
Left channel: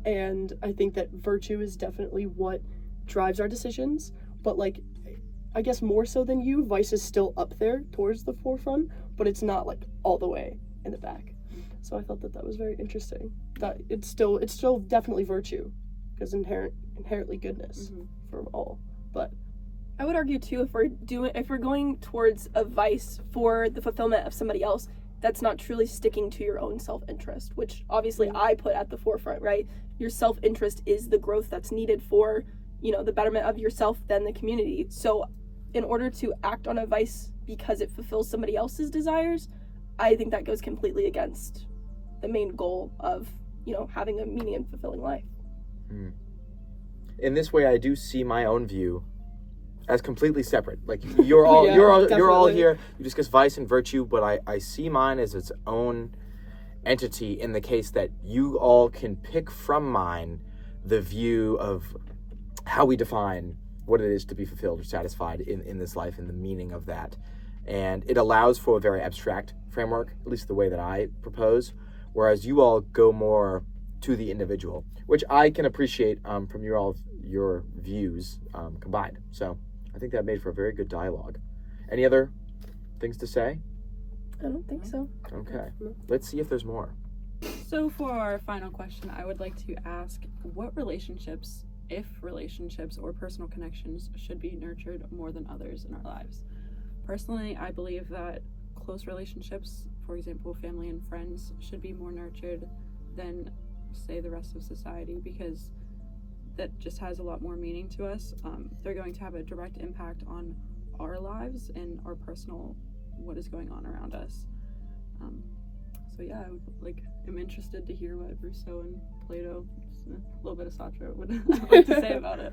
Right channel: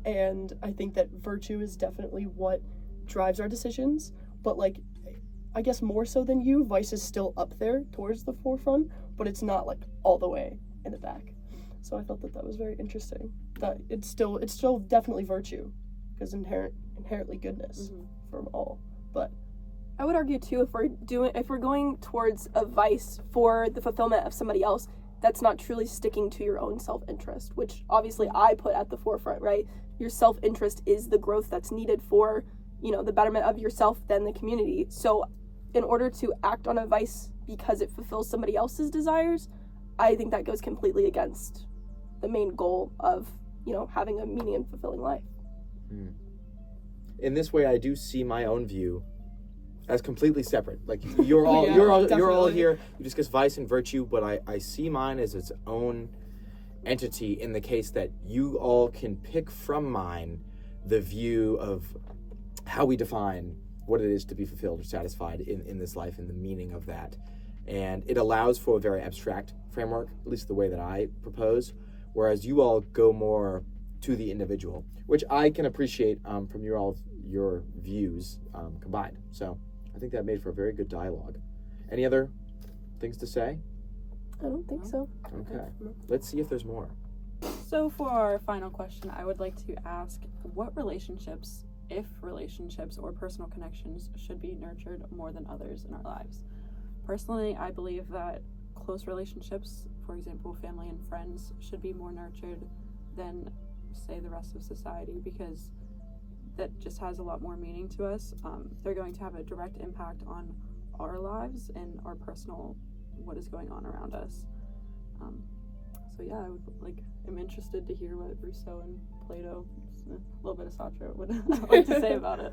and I think that virtue is definitely what drives our decisions, but I guess more so than you, vice is still up there towards the forefront, but it's not all the way in the back. So I thought that was very interesting, that it's still definitely virtue, because inherently goodness from all. But I would argue too, if we're going towards a vice for the fulfillment of somebody else, that's not truly sticking to your own self-interest, which obviously I put at the forefront, right? Your self-interest is the growth that's needed for, the betterment of yourself, then the community. So in order to act on a vice because it fulfills somebody else's desires, I think that goes completely against the main goal of, having a meaning and fulfilling life. In this way, I do see my own view as completely separate. You're all Yeah, you're all definitely. here. You discuss vice and virtue, but I see mine as its own entity, in the case that you all can pick from mine the view of how we define what it is to be fulfilled or satisfied in this life, and the meaning of that. And it allows for a very abstract framework, at least the way that I propose, whereas you all go more to the individual, which I can appreciate from your views combined. So I think that made for a very good dialogue. Any other things to say? I don't think so. Okay. Let's see if there's more. So for our final question, I would like to ask, what relationships, if relationships or personal connections, should be nurtured more than others in our lives? Personally, I believe that close relationships, for example, family and friends, should be more nurtured than, say, the rest of society, because that just has a lot more meaning to us. They're going to have a direct impact on our lives and our personal, what is going on around us. So yeah, I'm interested to hear what Rousseau and Plato, a little bit of Sartre, would like to say about it.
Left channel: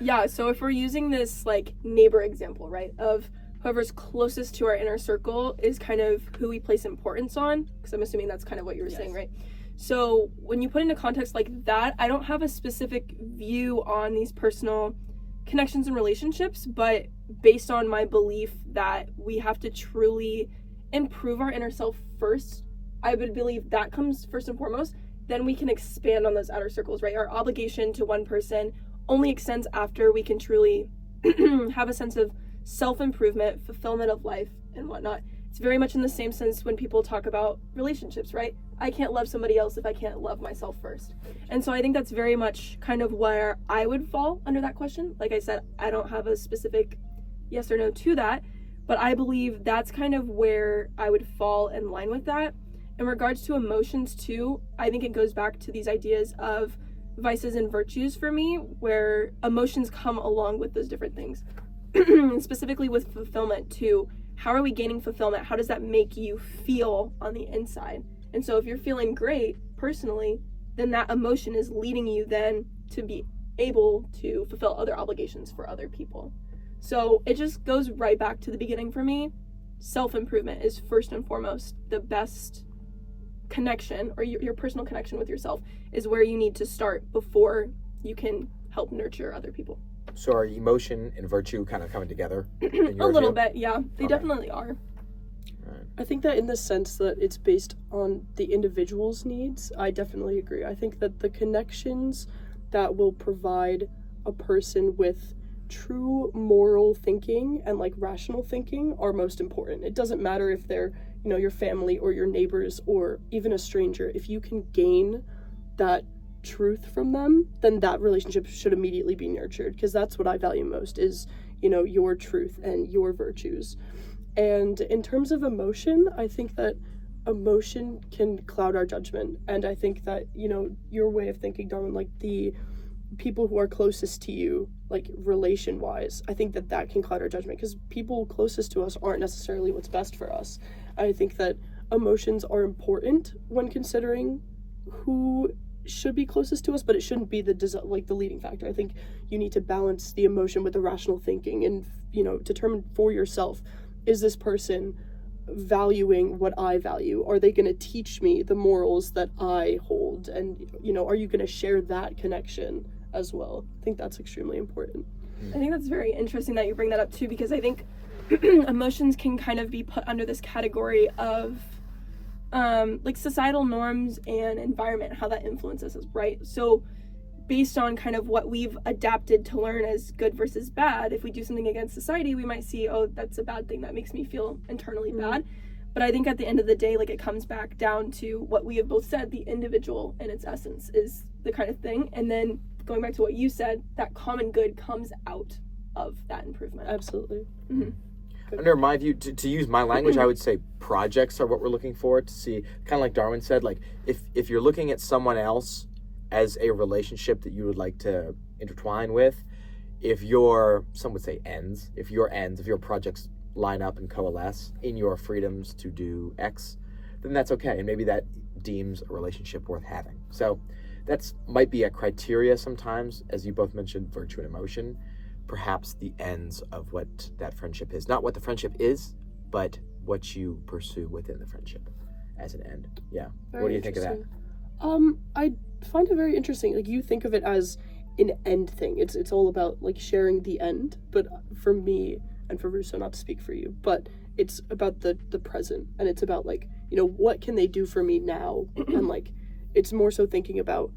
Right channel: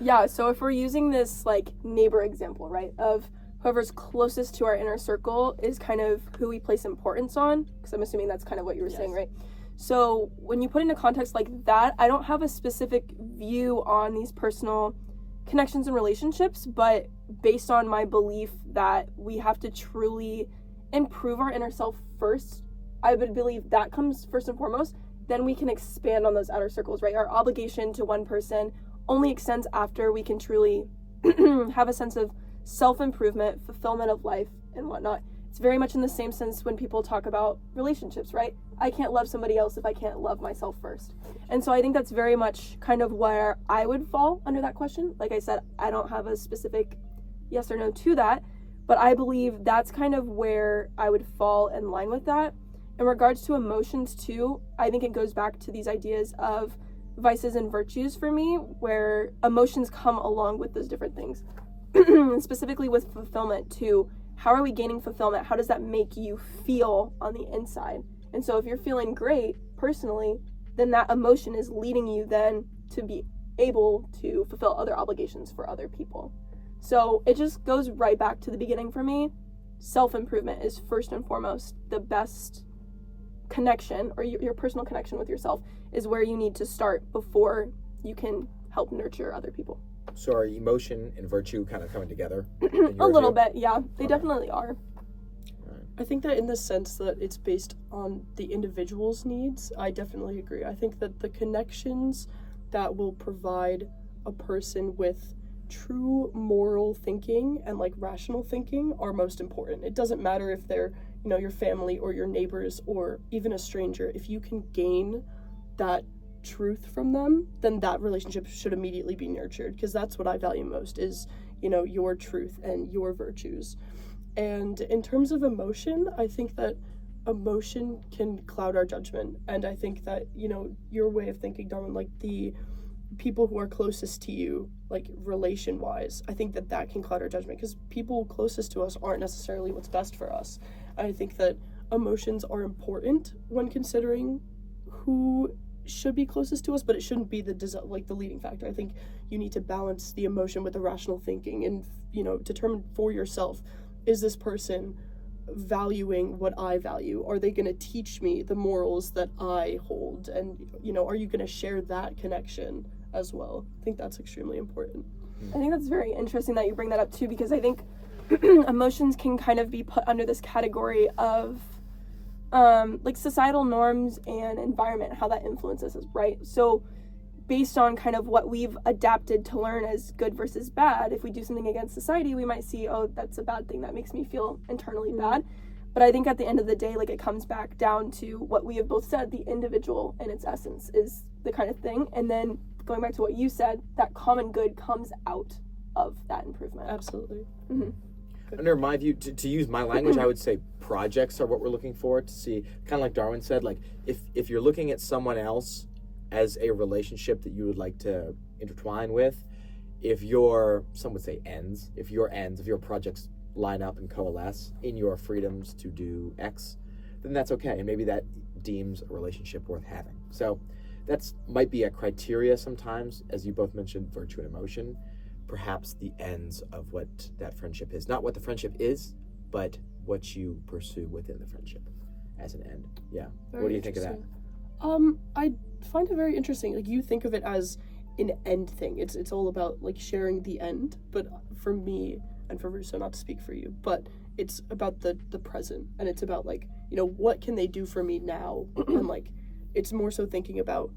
Yeah, so if we're using this like neighbor example, right, of whoever's closest to our inner circle is kind of who we place importance on, because I'm assuming that's kind of what you were saying, right? So when you put in a context like that, I don't have a specific view on these personal connections and relationships, but based on my belief that we have to truly improve our inner self first, I would believe that comes first and foremost. Then we can expand on those outer circles, right? Our obligation to one person only extends after we can truly have a sense of self-improvement, fulfillment of life, and whatnot. It's very much in the same sense when people talk about relationships, right? I can't love somebody else if I can't love myself first. And so I think that's very much kind of where I would fall under that question. Like I said, I don't have a specific yes or no to that, but I believe that's kind of where I would fall in line with that. In regards to emotions too, I think it goes back to these ideas of vices and virtues for me, where emotions come along with those different things. Specifically with fulfillment too, how are we gaining fulfillment? How does that make you feel on the inside? And so if you're feeling great personally, then that emotion is leading you then to be able to fulfill other obligations for other people. So it just goes right back to the beginning for me. Self-improvement is first and foremost the best connection, or your personal connection with yourself is where you need to start before you can help nurture other people. So are emotion and virtue kind of coming together? A little bit, yeah. They definitely are. I think that in the sense that it's based on the individual's needs, I definitely agree. I think that the connections that will provide a person with true moral thinking and like rational thinking are most important. It doesn't matter if they're, your family or your neighbors or even a stranger. If you can gain that truth from them, then that relationship should immediately be nurtured, because that's what I value most is, your truth and your virtues. And in terms of emotion, I think that emotion can cloud our judgment. And I think that, your way of thinking, Darwin, like the people who are closest to you, like relation-wise, I think that can cloud our judgment, because people closest to us aren't necessarily what's best for us. I think that emotions are important when considering who should be closest to us, but it shouldn't be the leading factor. I think you need to balance the emotion with the rational thinking and, determine for yourself, is this person valuing what I value? Are they going to teach me the morals that I hold? And, are you going to share that connection as well? I think that's extremely important. I think that's very interesting that you bring that up too, because I think emotions can kind of be put under this category of like societal norms and environment, how that influences us, right? So based on kind of what we've adapted to learn as good versus bad, if we do something against society, we might see, oh, that's a bad thing, that makes me feel internally bad. But I think at the end of the day, like, it comes back down to what we have both said, the individual in its essence is the kind of thing. And then going back to what you said, that common good comes out of that improvement. Absolutely. Mm-hmm. Under my view, to use my language, I would say projects are what we're looking for to see, kind of like Darwin said, like if you're looking at someone else as a relationship that you would like to intertwine with, if some would say ends, if your projects line up and coalesce in your freedoms to do X, then that's okay. And maybe that deems a relationship worth having. So that's might be a criteria sometimes, as you both mentioned, virtue and emotion, perhaps the ends of what that friendship is. Not what the friendship is, but what you pursue within the friendship as an end. Yeah. What do you think of that? I find it very interesting. Like, you think of it as an end thing. It's all about like sharing the end. But for me, and for Rousseau, not to speak for you, but it's about the present, and it's about like, what can they do for me now? And like, it's more so thinking about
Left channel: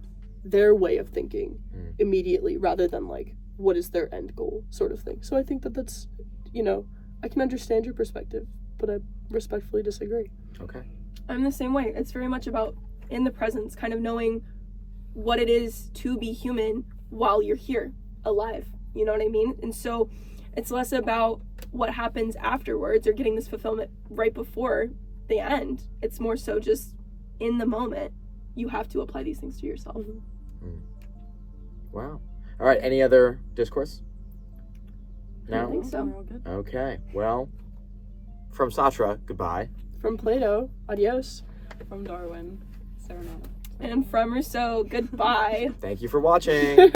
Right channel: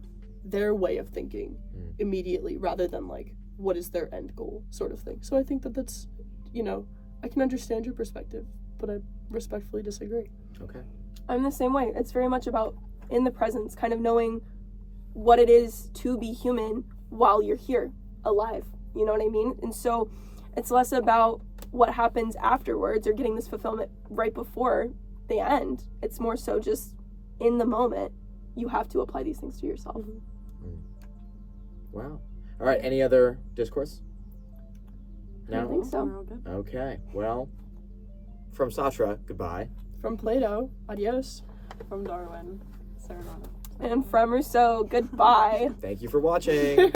their way of thinking immediately rather than like, what is their end goal sort of thing. So I think that's, I can understand your perspective, but I respectfully disagree. Okay. I'm the same way. It's very much about in the presence, kind of knowing what it is to be human while you're here, alive. You know what I mean? And so it's less about what happens afterwards or getting this fulfillment right before the end. It's more so just in the moment, you have to apply these things to yourself. Wow. All right. Any other discourse? I No? think so. We're all good. Okay. Well, from Satra, goodbye. From Plato, adios. From Darwin, Serenata. And from Rousseau, goodbye. Thank you for watching.